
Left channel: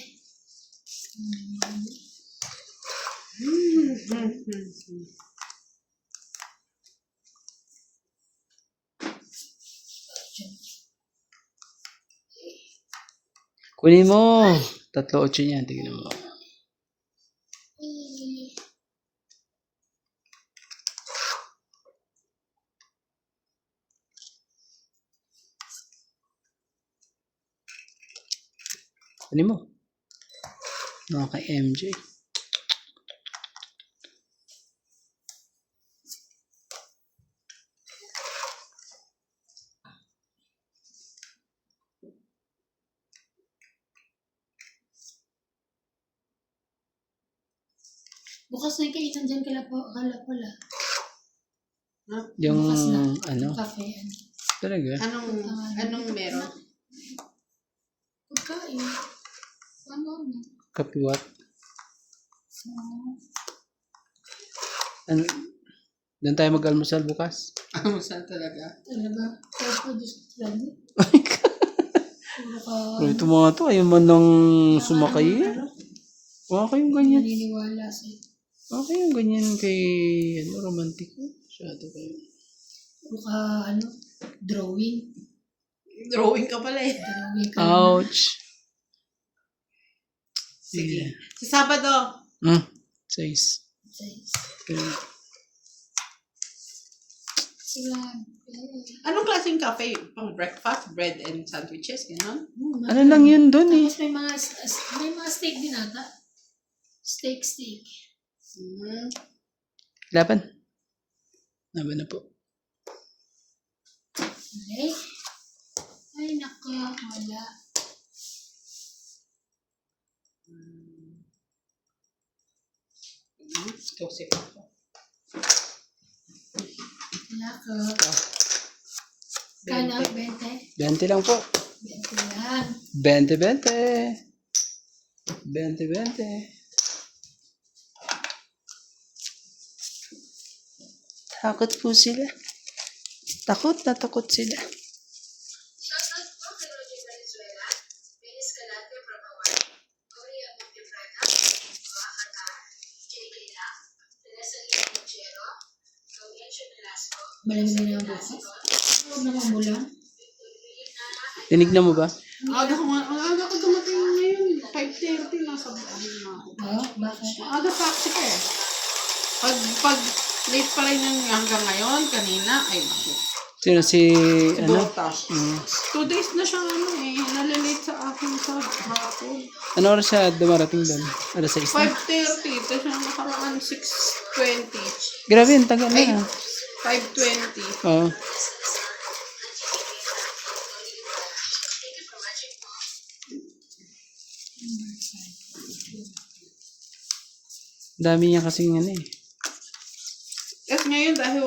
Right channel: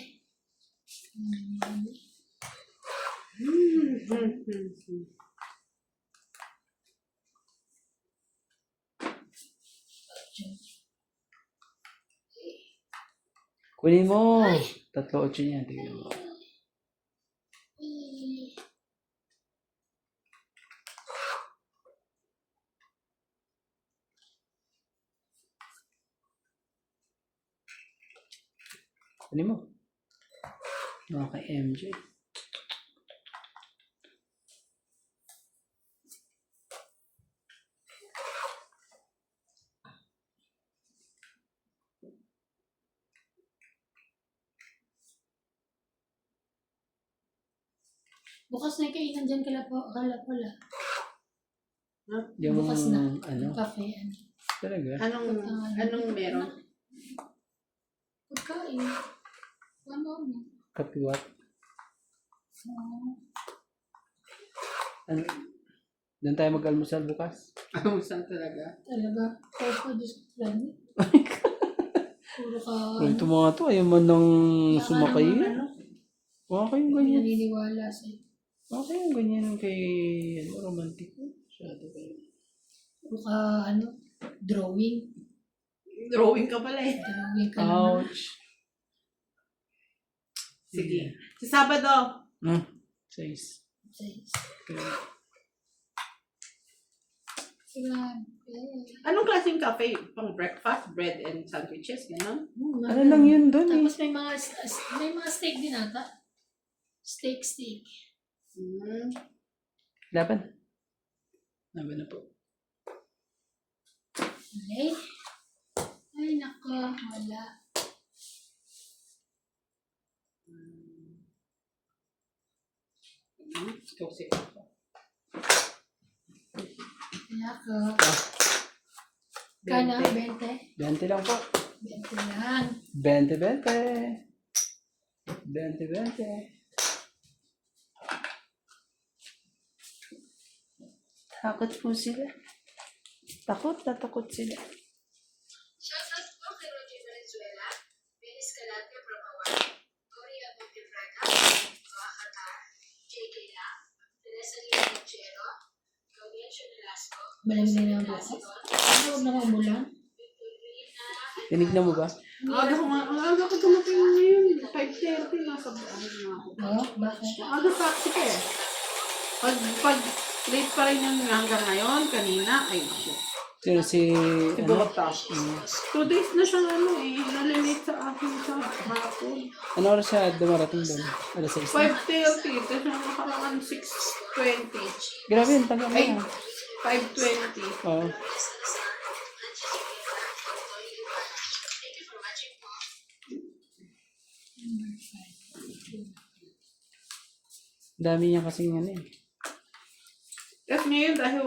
Kunin mo. 3-8 niyan. Tingnan mo. Kunin mo. Mga kay MJ. Bukas na yung kainan dyan kala pala. Yung Bukas na. ano. Yung cafe. Ano. Talaga. Anong meron? Pagkain. Ano? Kapiwat. Oh. Ano? Doon tayo mag-almusal bukas. Ano saan talaga? Talaga. Kaya pa Diyos ko lang. Puro ka. Ito mga to. Ayaw man nang sumakay. Ano? Okay yung ganyan. Naniniwala sa'yo. Okay yung ganyan kay romantic. Masyado kayo. Puro ka drawing. Drawing ka pala eh. Drawing ka. Ouch. Sige. Sa Sabado. 6. Sila. Anong klaseng cafe? Pang breakfast, bread and sandwiches, gano'n? Ano lang yun dun eh. Tapos may mga steak din ata. Steak. Laban. Laban na po. Okay. Ay, naka. Wala. Kasi ako. Wala ka. Kana, 20. 20 lang po. 20 lang. 20. 20. Takot po sila. Takot sila. Shoutout po kay Roger Valenzuela, Ben Escalante from Hawaii, Gloria Montepreda, Oaxaca, J.K. Lam, Teresa Lina Mochero, Gabriel Velasco, Malamig na yung bukas. Ano, huwag na umulan. Tinignan mo ba? Ang aga ko dumating ngayon. 5:30 nasa ano na ako. Oo, bakit? Aga taxi ka eh. Pag late pa rin yung hanggang ngayon, kanina, ay naku. Sino si... Siguro Ano? tax. 2 days na siyang nalilate sa akin sa hapon. Ano oras siya dumarating doon? Alas 6 na? 5:30, tapos na nakaraan 6:20. Grabe, yung tagal Ay, na. 5:20. Oo. Dami niya kasing ano eh. Tapos ngayon dahil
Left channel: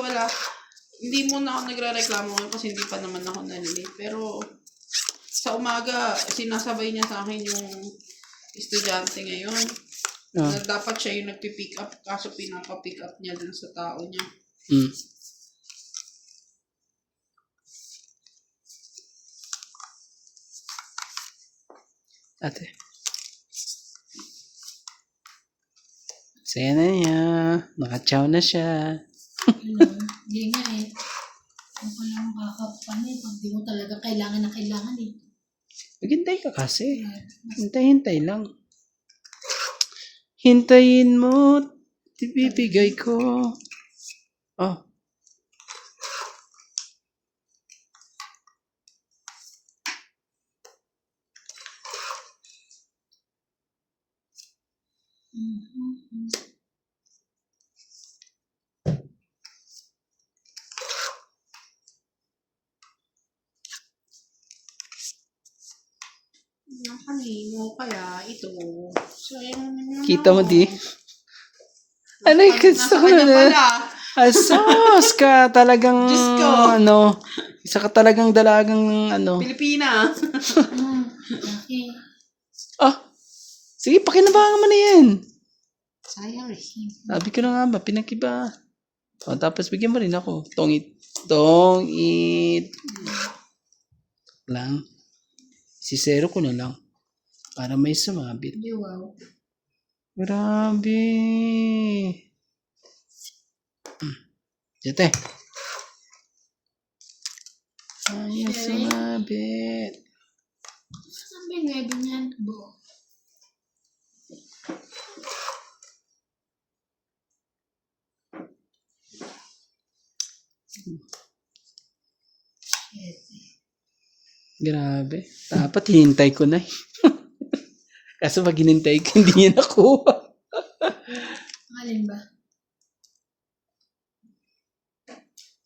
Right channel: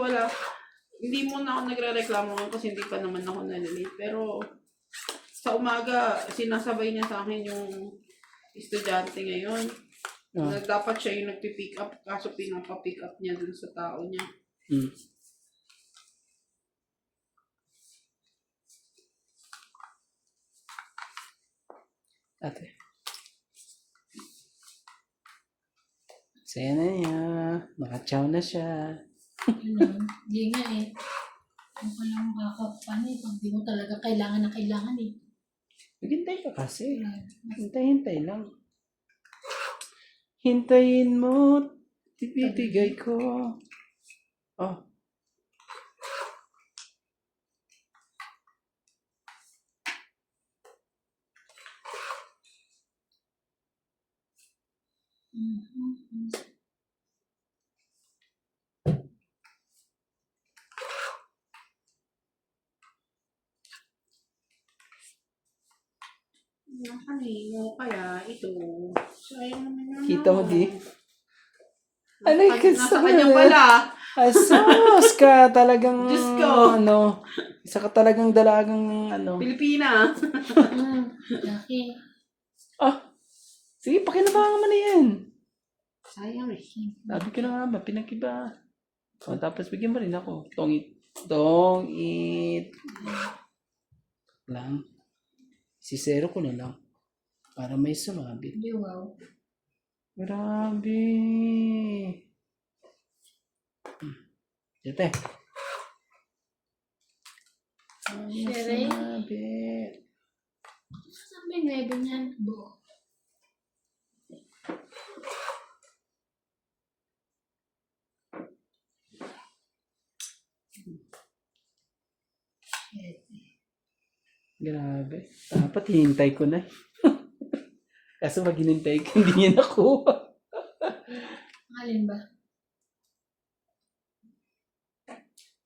Hindi muna ako nagre-reklamo ngayon kasi hindi pa naman ako nalilate. Pero sa umaga, sinasabay niya sa akin yung estudyante ngayon. Ah. Na dapat siya yung nagpipick up kaso pinapa-pick up niya dun sa tao niya. Mm. Ate. Saya na niya. Nakachow na siya. Yun, hindi nga eh. Ano ka lang makakapan eh. Pag di mo talaga kailangan na kailangan eh. Maghintay ka kasi. Hintay lang. Hintayin mo. Ibibigay ko. Oh. Yung kanino kaya ito. So, ayun. Kita mo di? Ano yung gusto Nasa ko kanya na? pala. Asos ka talagang Diyos ko. ano, isa ka talagang dalagang ano. Pilipina. Laki. Ah, sige, pakinabangan mo na yan. Sayang eh. Sabi ko na nga ba, pinakiba. O, tapos bigyan mo rin ako. Tongit. Tongit. Lang. Sisero ko na lang. Para may sumabit. Hindi, wow. Grabe. Dito. Ay, sumabit. Saan ba yung wedo niyan? Bo. Grabe. Dapat hinintay ko na. Kaso pag hinintay ko, hindi niya nakuha. Alin ba?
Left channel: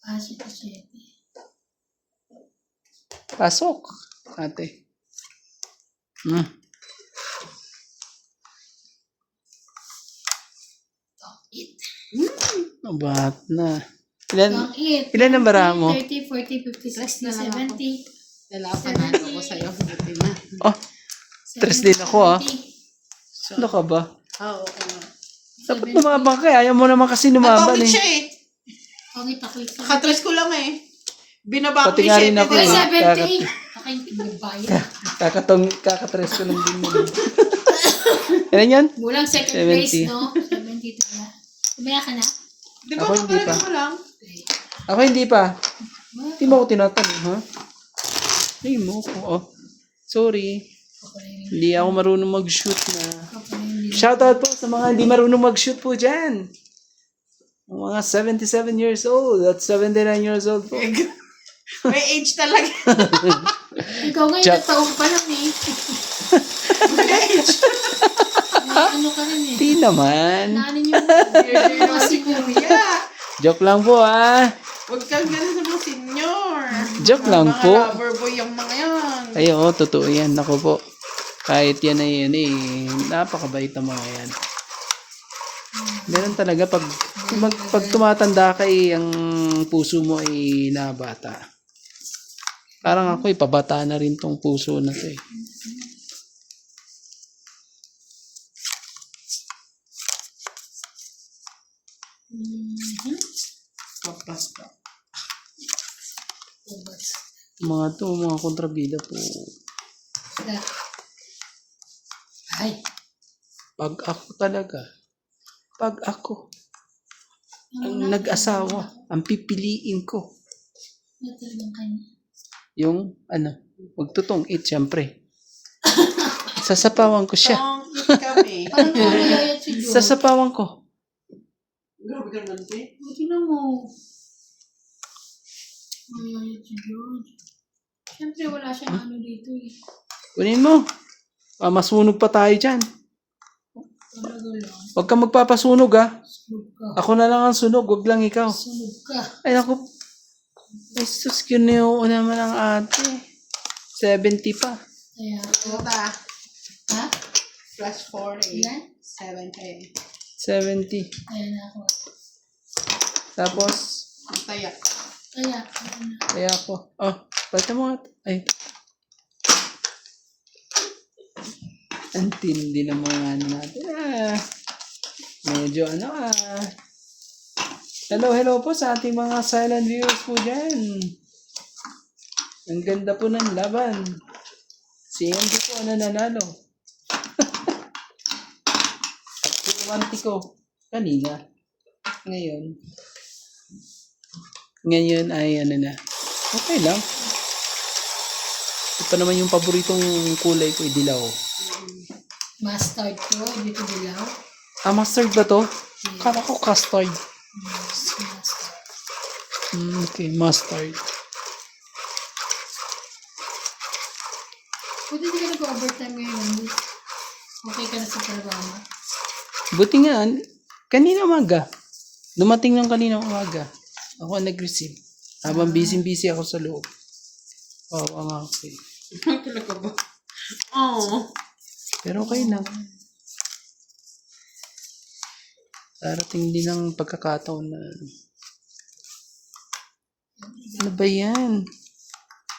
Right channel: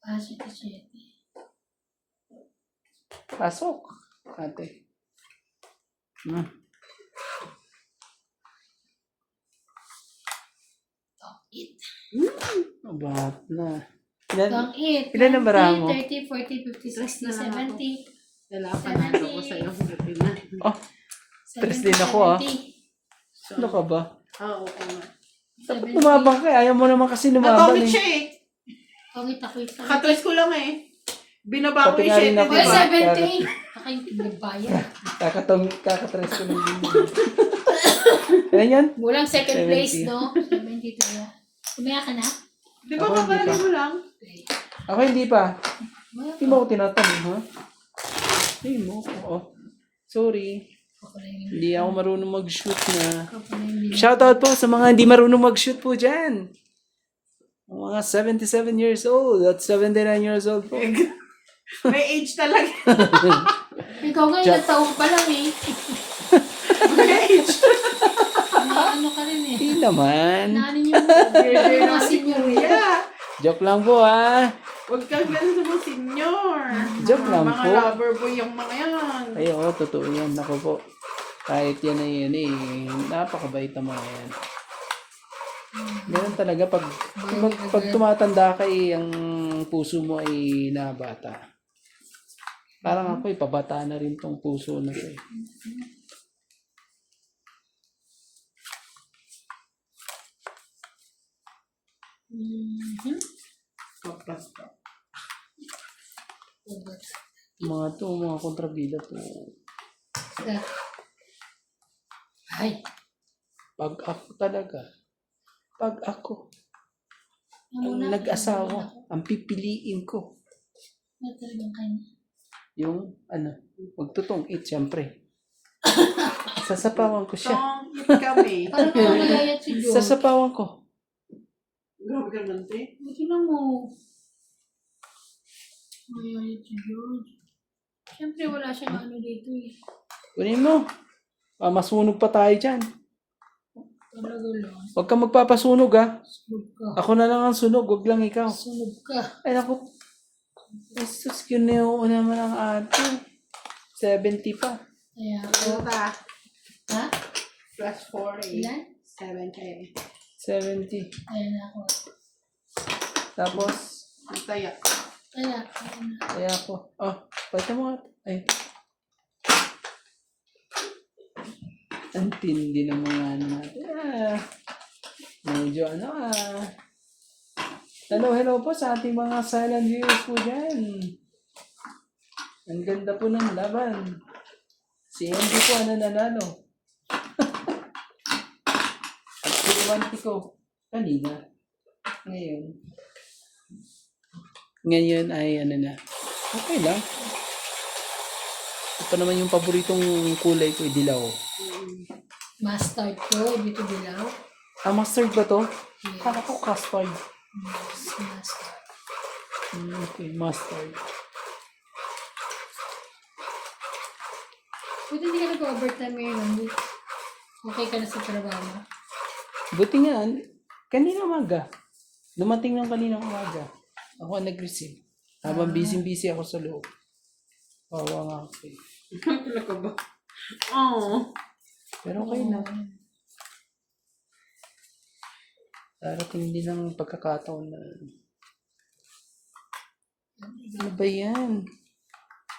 Pasok ko 7. Pasok. Ate. Tong-it. Abat na. Ilan? Tong-it. Ilan ang bara mo? 30, 40, 50, 60, 70. Lalasan na ako sa'yo. Hindi na. Oh, 3 din ako ah. 70. Ano ka ba? Oo, okay. Dapat lumabang ka. Ayaw mo naman kasi lumaban Natawid eh. siya eh. Tong-it ako isa. Katres ko lang eh. Binaba ko Pati yung nga rin 7. ako Ay, eh. 70. Baka yung pinagbayan. Kakatres ko lang din yun. Ilan yan? Mulang second 70. place, no? 70 talaga. Kumaya ka na? Di ba Ako hindi kakalaga pa. mo lang? Okay. Ako hindi pa. Hindi mo ako tinatanong, ha? Hindi mo ko. Oh. Sorry. Hindi ako marunong mag-shoot na. Shoutout po sa mga hindi marunong mag-shoot po dyan. Ang mga 77 years old at 79 years old po. May age talaga. Ikaw ngayon, Joke. nataong pa lang eh. May age. May ano ka rin eh. Hindi naman. Naanin yung Hindi naman si Kuya. Joke lang po, ha? Huwag kang gano'n sa mga senior. Joke lang Mga po. lover boy yung mga yan. Ay, oo, totoo yan. Ako po. Kahit yan ay yan eh. Napakabait ang mga yan. Meron talaga pag tumatanda ka eh, ang puso mo ay nabata. Parang ako pabata na rin tong puso na to eh. Basta. Mga kontrabida po. Ay. Pag ako ang nag-asawa, ang pipiliin ko. Talagang kanya. Yung, magtutong it, syempre. Sasapawan ko siya. Tongit kami. Parang mamayayat si Joe. Sasapawan ko. Grabe ka naman, te. Buti na mo. Mamayayat si Joe. Siyempre wala siyang ano dito eh. Kunin mo. Masunog pa tayo dyan. Talaga lang. Huwag kang magpapasunog, ha. Sunog ka. Ako na lang ang sunog, huwag lang ikaw. Sunog ka. Ay, naku. Jesus, kineo naman ang ate. 70 pa. Kaya, Tota. ha? Plus 40. Ilan? 70. 70. Ayan ako. Tapos, Ang tayak. Kaya, Kaya ako. Oh, pati mo nga. Ay. Ang tindi ng mga ano natin. Medyo ano Hello po sa ating mga silent viewers po dyan. Ang ganda po ng laban. Si MD po nanalo. At si Iwanti ko kanina. Ngayon ay ano na. Okay lang. Ito naman yung paboritong kulay ko, dilaw. mustard ko, dito dilaw. Mustard ba to? Kala ko custard. Mustard. Okay, mustard. Buti hindi ka nag-overtime ngayon. Okay ka na sa trabaho. Buti nga, kanina umaga. Dumating lang kanina umaga. Ako ang nag-receive. Habang busy ako sa loob. Okay. Talaga ba? Oo. Pero okay lang. Darating din ang pagkakataon na ano ba yan?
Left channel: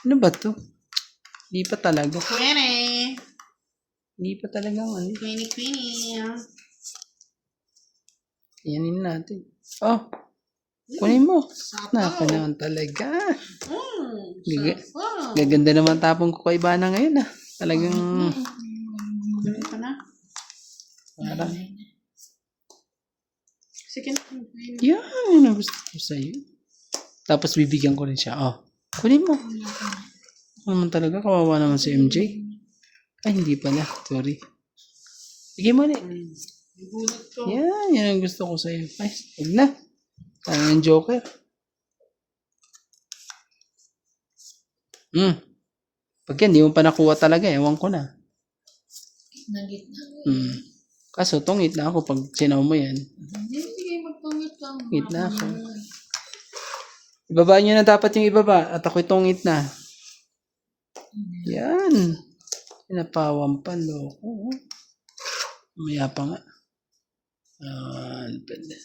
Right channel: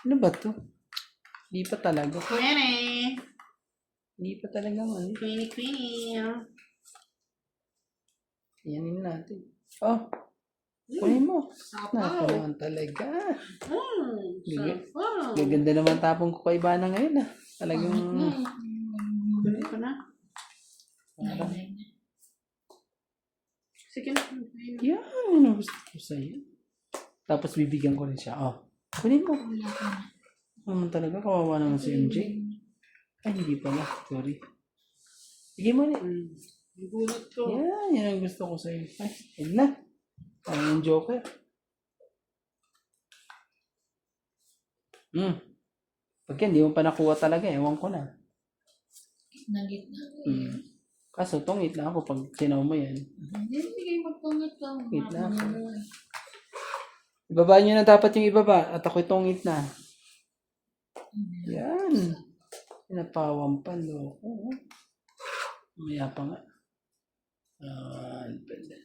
Ano ba to? Hindi pa talaga. Queenie. Hindi pa talaga. Queenie. Yanin natin. Oh, kunin mo. Sapaw. Napanahon talaga. Sapaw. Gaganda naman tapong ko kay Bana ngayon Talagang Dami ka na. parang Sige na. yan ang gusto ko sa'yo. Tapos bibigyan ko rin siya. Oh, kunin mo. Ano naman talaga, kawawa naman si MJ. Ay, hindi pala. Sorry. Sige mo ulit. Gulat ko. Yan ang gusto ko sa'yo. Ay, huwag na. Parang yung Joker. Pag yan, di mo pa nakuha talaga. Ewan ko na. Nagit na. Kaso, tungit na ako pag sinaw mo yan. Hindi kayo magpangit ka. Tungit na ako. Ibaba nyo na dapat yung ibaba. At ako'y tungit na. Yan. Pinapawan pa, loko. Maya pa nga. Pwede.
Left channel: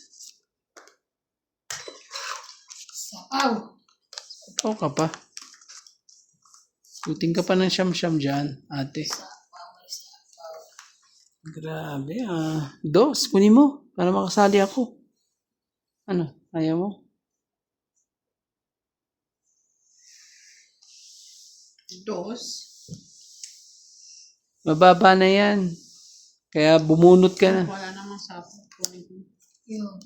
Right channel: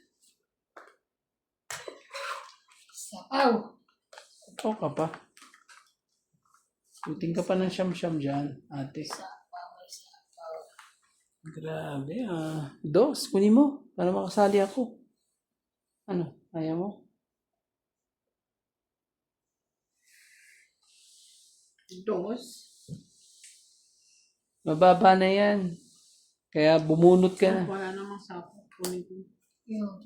Sapaw. Ikaw ka pa. Shooting ka pa ng siyam-siyam dyan, ate. Grabe Dos, kunin mo. Para makasali ako. Ano? Ayaw mo? Dos. Mababa na yan. Kaya bumunot ka na. Wala namang sapaw. Kunin ko. Yun.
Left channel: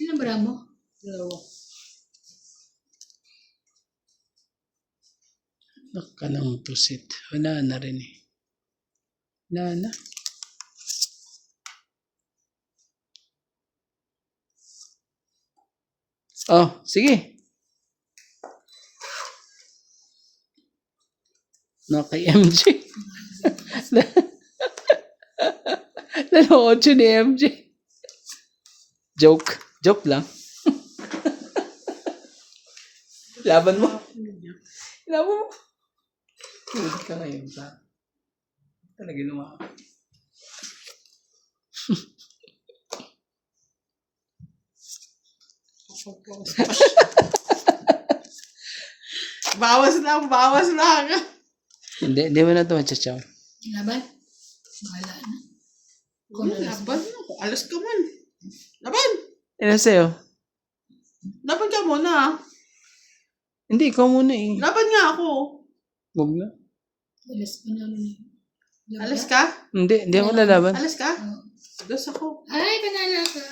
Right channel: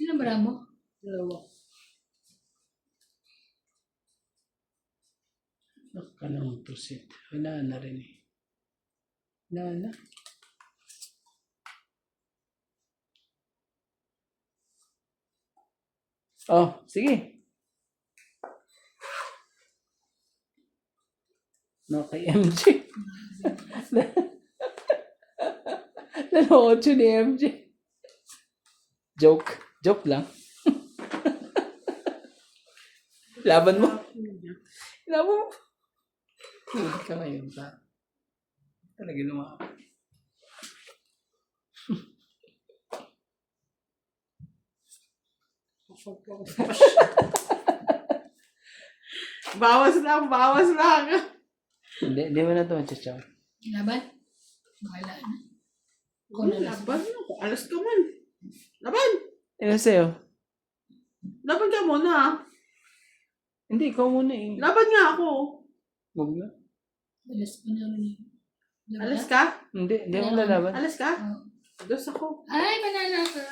Ilan ba mo? Dalawa. Nakalang pusit. Wala na rin Wala na. Oh, sige. No, kay MJ. Lalo 8 ni MJ. Joke. Joke lang. Laban mo. Laban mo. Huwag ka ngayon sa talaga lumakap. Bawas lang. Hindi mo na ito machachaw. Laban? Bahala na. Kung alas Laban mo. Alas ka man. Laban. Ano sa'yo? Laban ka muna. Hindi, ikaw muna Laban nga ako. Huwag na. alas pa na rin. Laban? Alas ka? Hindi ako lalaban. Alas ka? Oh. Dos ako. Ay, panala ka.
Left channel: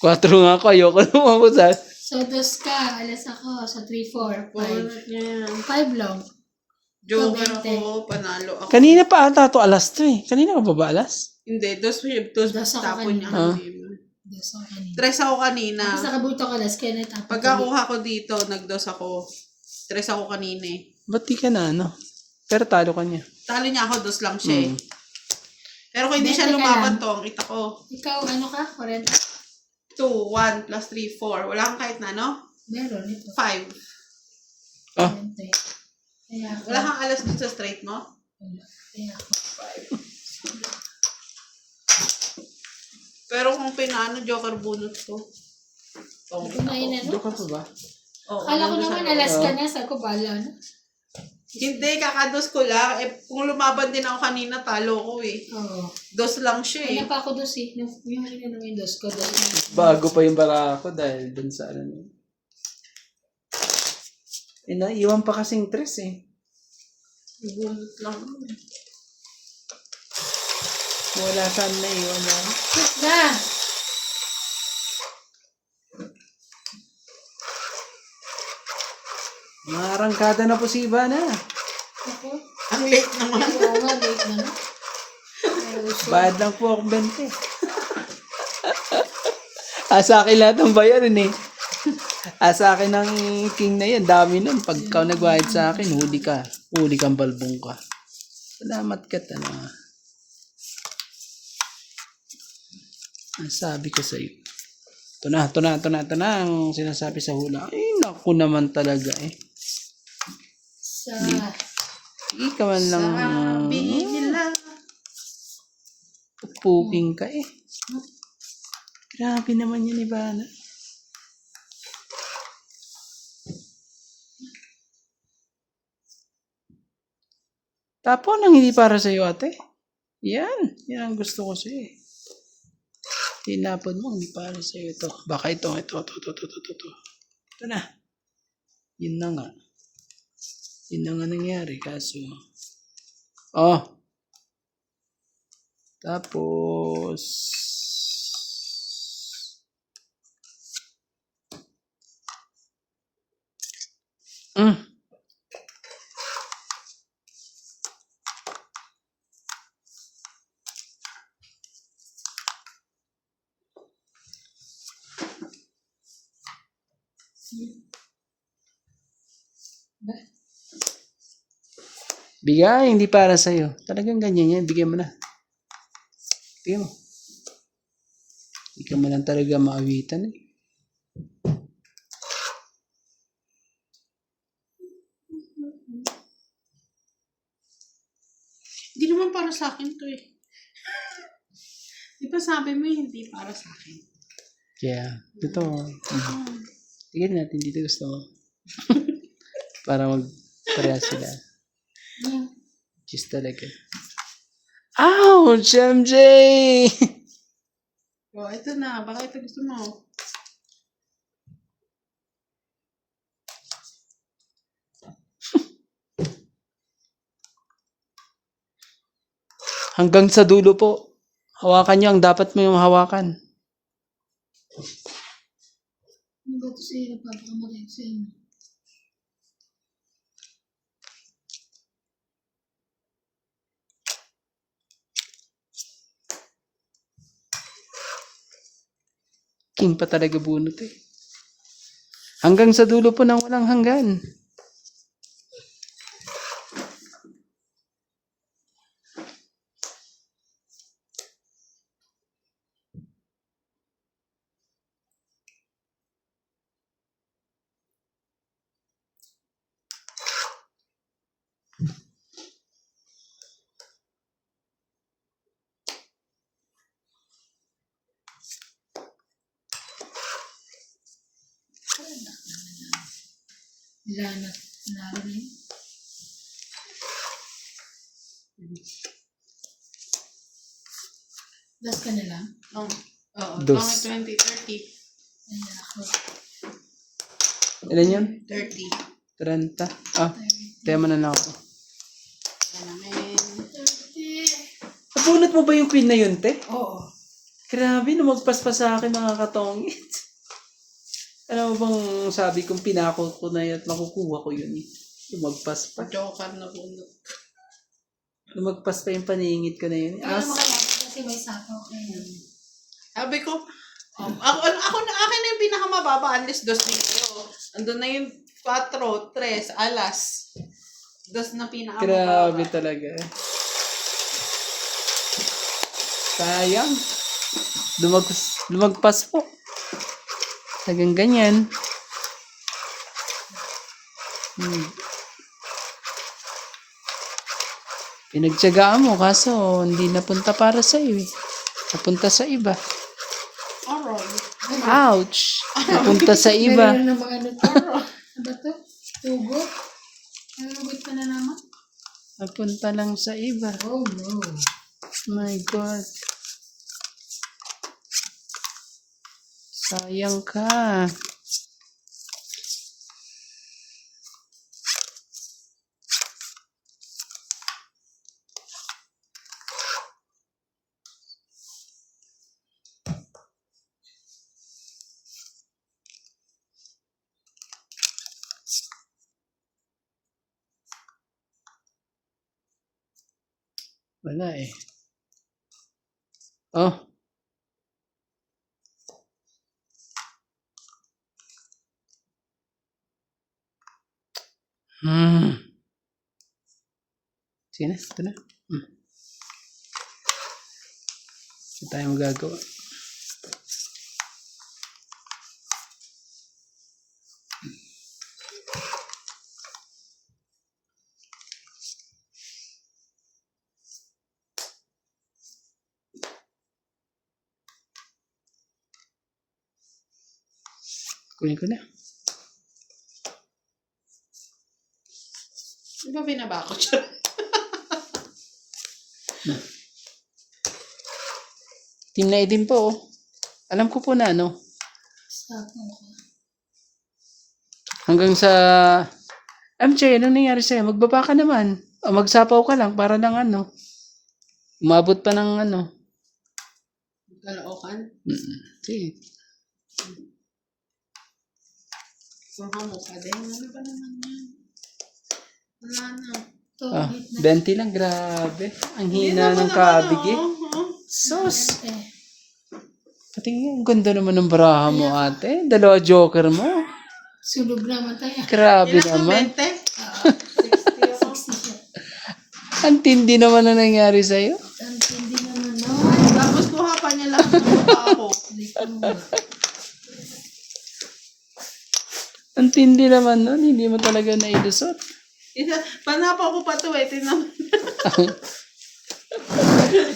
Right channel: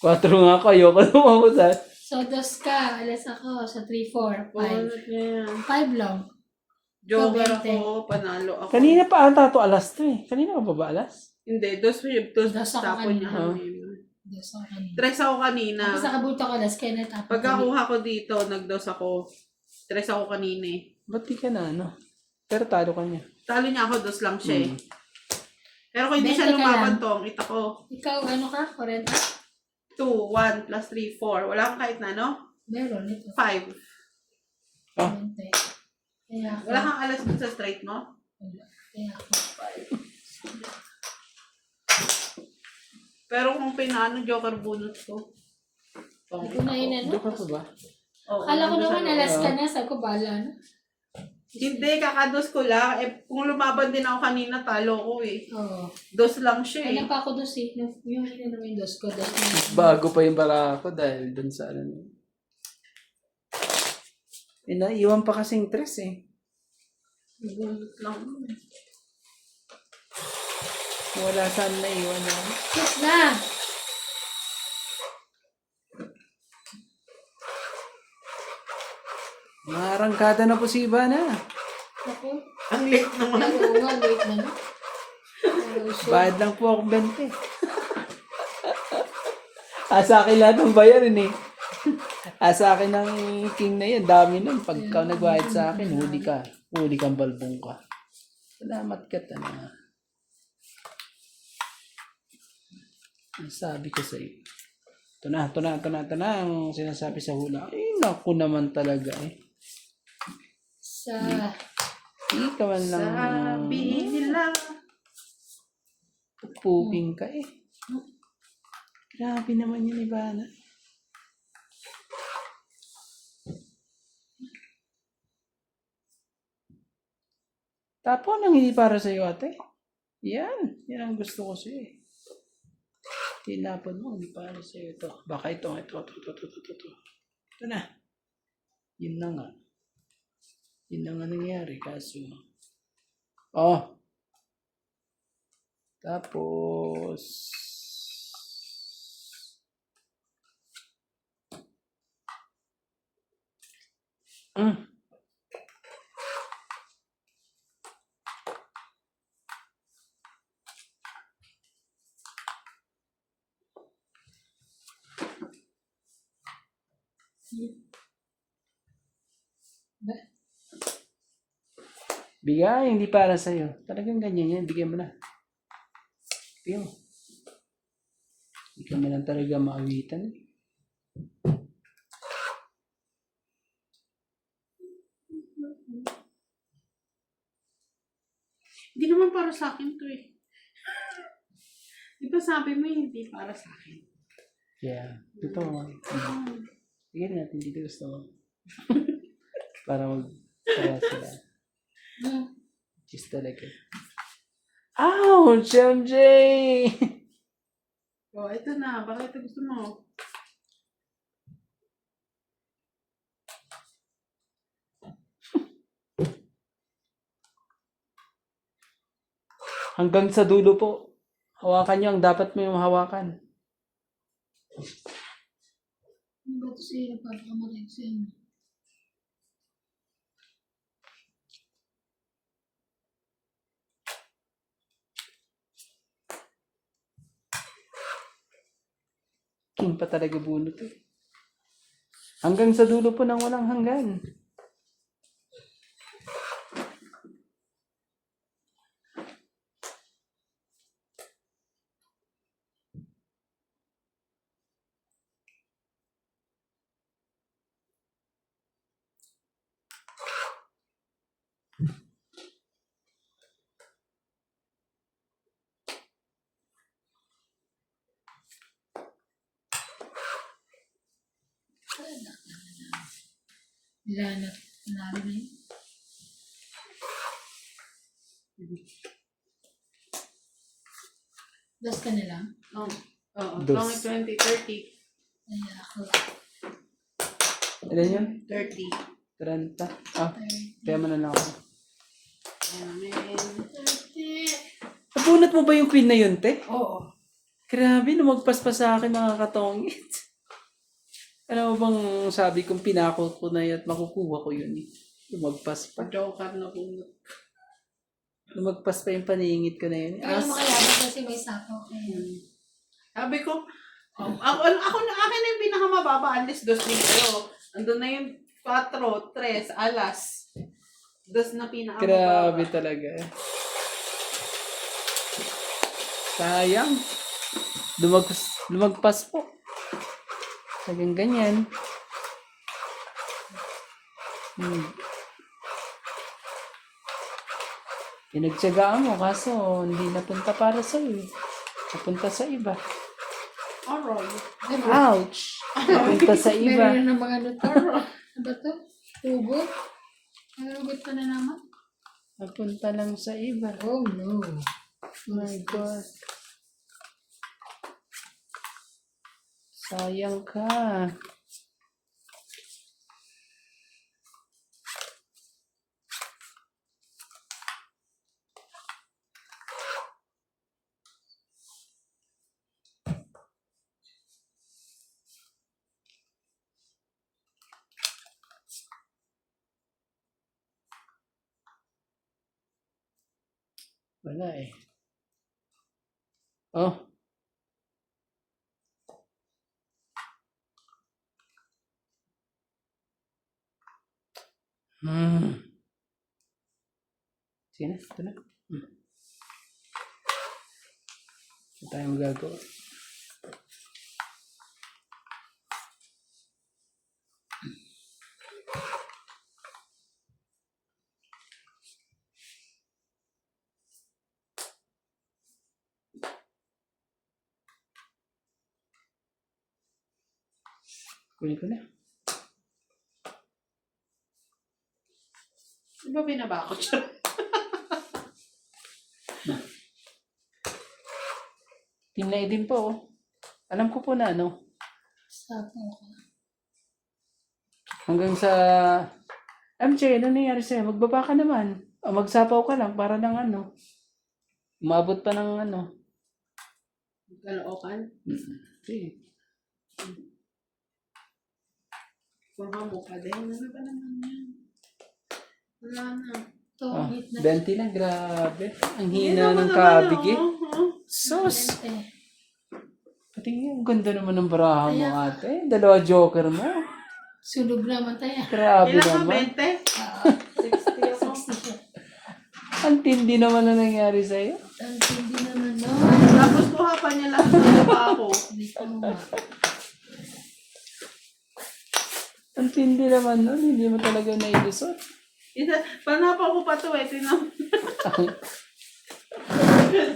4 nga ako, ayoko naman ako sa... So, dos ka. Alas ako. So, 3, 4, 5. Ulit niya yan. 5 lang. Joker So, 20. ako. Panalo ako. Kanina pa ata to alas 3. Kanina ka ba ba alas? Hindi. Dos Dos ako tapon niya kanina. kanina. Dos ako kanina. Tres ako kanina. Tapos nakabuto ko alas kaya natapos. Pagkakuha ko dito, nagdos ako. Tres ako kanina eh. Ba't di ka na Pero talo ka niya. Talo niya ako, dos lang siya eh. Pero kung hindi siya Benta ka lumaban lang. to, ang kita ko. Ikaw, ano ka? 40? 2, 1, plus 3, 4. Wala kang kahit na, no? Meron ito. 5. 20. Kaya ako. Wala kang alas dun sa straight mo? Wala. Kaya ako. Pero kung pinano, joker bunot ko. Oh. Kumain na, no? Doon ka pa ba? Oh, Kala ko nandun naman sa- alas ka na. Sabi ko, bala na. Hindi, kakados ko lang. Eh, kung lumaban din ako kanina, talo ko eh. Oo. Dos lang siya eh. Ano pa ako dos eh. Yung ano naman yung dos ko. Dos na. Bago pa yung barako dahil dun sa ano. Naiwan pa kasing tres eh. Bunot lang. Wala saan na iwan yan. Yes na! Marangkada na po si Ivana. Ako. Ang late naman. Oo nga, late na no? Oo, so, Bad lang po akong 20. Sa akin lahat ng bayarin eh. Sa akin ng king na yan. Dami nun. Pag ikaw nagbayad sa akin, huli ka. Huli kang balbong ka. Salamat ka na. Ang sabi ko sa'yo. Ito na ang sinasabi sa hula. Ay, naku naman talaga eh. sa... Hindi ka man lang Sabi nila. puping ka eh. Grabe naman yan, Ivana. Tapon ang hindi para sa'yo, ate. Yan ang gusto ko sa'yo eh. Tinapon mo, hindi para sa'yo ito. Baka ito. Ito na. Yun na nga. Yun na nga nangyari, kaso. Oh. Tapos. Bigay, hindi para sa'yo. Talagang ganyan yan. Bigyan mo na. Bigyan mo. Hindi ka man lang talaga maawitan eh. Hindi naman para sa akin to eh. Di ba sabi mo hindi para sa akin? Kaya, totoo. Tignan natin dito gusto mo. Para mag-para sila. Just talaga. Ouch, MJ! Oh, ito na. Baka ito gusto mo. Hanggang sa dulo po. Hawakan niyo ang dapat mo yung hawakan. Ano ba ito sa'yo? Napapakamatay ko sa'yo. King pa talaga bunot eh. Hanggang sa dulo po ng walang hanggan. Lanat. Narin yun. Das ka na lang? Oh. Oo. Dos. Pangit 20, 30. Ayan ako. Ilan yun? 30. 30. Ah, tema na lang ako. Amen. Nabunot mo ba yung queen na yun, te? Oo. Grabe, lumagpas pa sa akin mga katongit. Ano bang sabi kong pinako ko na yan at makukuha ko yun eh. Lumagpas pa. Joker na bunot. Lumagpas pa yung paningit ko na yun. Ano makalaban kasi may sapo. Sabi ko, ako na akin na yung pinakamababa, unless dos dito. Andun na yung 4, 3, alas. Dos na pinakamababa. Grabe talaga. Sayang. Lumagpas po. Tagang ganyan. Pinagtyagaan mo, kaso hindi napunta para sa iyo eh. Napunta sa iba. Alright. Ouch! Napunta sa iba. Meron na mga notaro. Ano ba to? Tugo? Nalugot pa na naman? Napunta lang sa iba. Oh no. My God. Sayang ka. Wala eh. Oh. Sige na, ito na. Ito tayo magagawa. Kunin ko na. Di ba binaba ko siya? Tinay din po. Oh. Alam ko po na ano. Sapo ko. Hanggang sa... MJ, ano nangyari sa'yo? Magbaba ka naman. O magsapaw ka lang para lang ano. Umabot pa ng ano. Kalookan. Sige. Kung hamukha din. Ano ba naman yan? Wala na. Ito, Ah, hit na. 20 lang, grabe. Ang hina ng kabig eh. Sos! Eh, Patingin, ang ganda naman ng baraha mo ate. Dalawa joker mo. sulog naman tayo. Grabe Ilan ka, naman. 20? 60 ako. 60 siya. Ang tindi naman na nangyari sa'yo. Ang tindi naman, no? Tapos kuha pa niya lang ng ako. Dito mo nga. Ang tindi naman nun. Hindi mo talaga nailusot. Panapa ko pa ito eh. Tinan mo.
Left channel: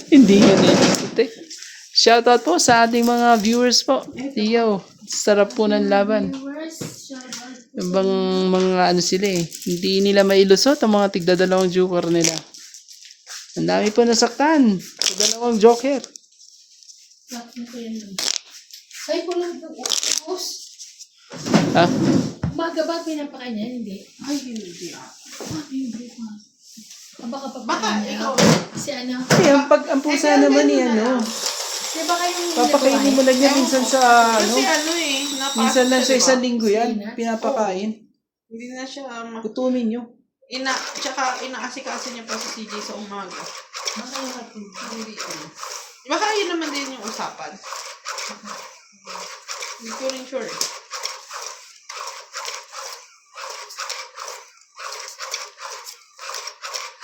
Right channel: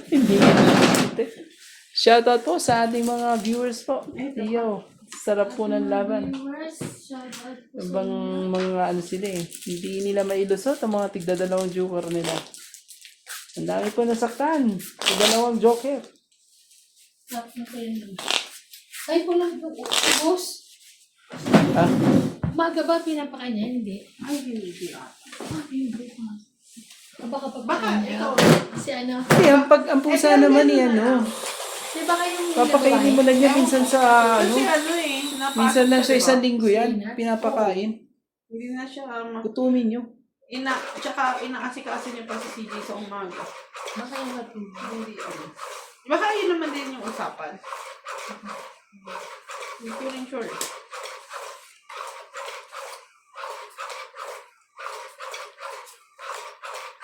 Hindi nga nailusot eh. Shoutout po sa ating mga viewers po. Iyo, sarap po ng laban. Viewers, shout out po sa Ibang mga ano sila eh. Hindi nila mailusot ang mga tigdadalawang joker nila. Ang dami po nasaktan. Sa dalawang joker. lahat mo pa yan. Ay, kulang po. Boss, Ha? umaga ba pinapakain niya? Hindi. Ay, hindi ah. Hindi pa. Baka Baka, pagpakain niya. ikaw. Si ano? Eh, ang pusa naman eh, ano. Di ba kayo nang Papakainin mo lang yan minsan sa ano. Kasi ano eh. Minsan lang sa diba? isang linggo yan. Pinapakain. Hindi na siya. Kutunin nyo. Tsaka inaasikaso niya pa sa CJ sa umaga. Baka yung natin. Hindi ano. Baka yun naman din yung usapan. Hindi ko rin sure.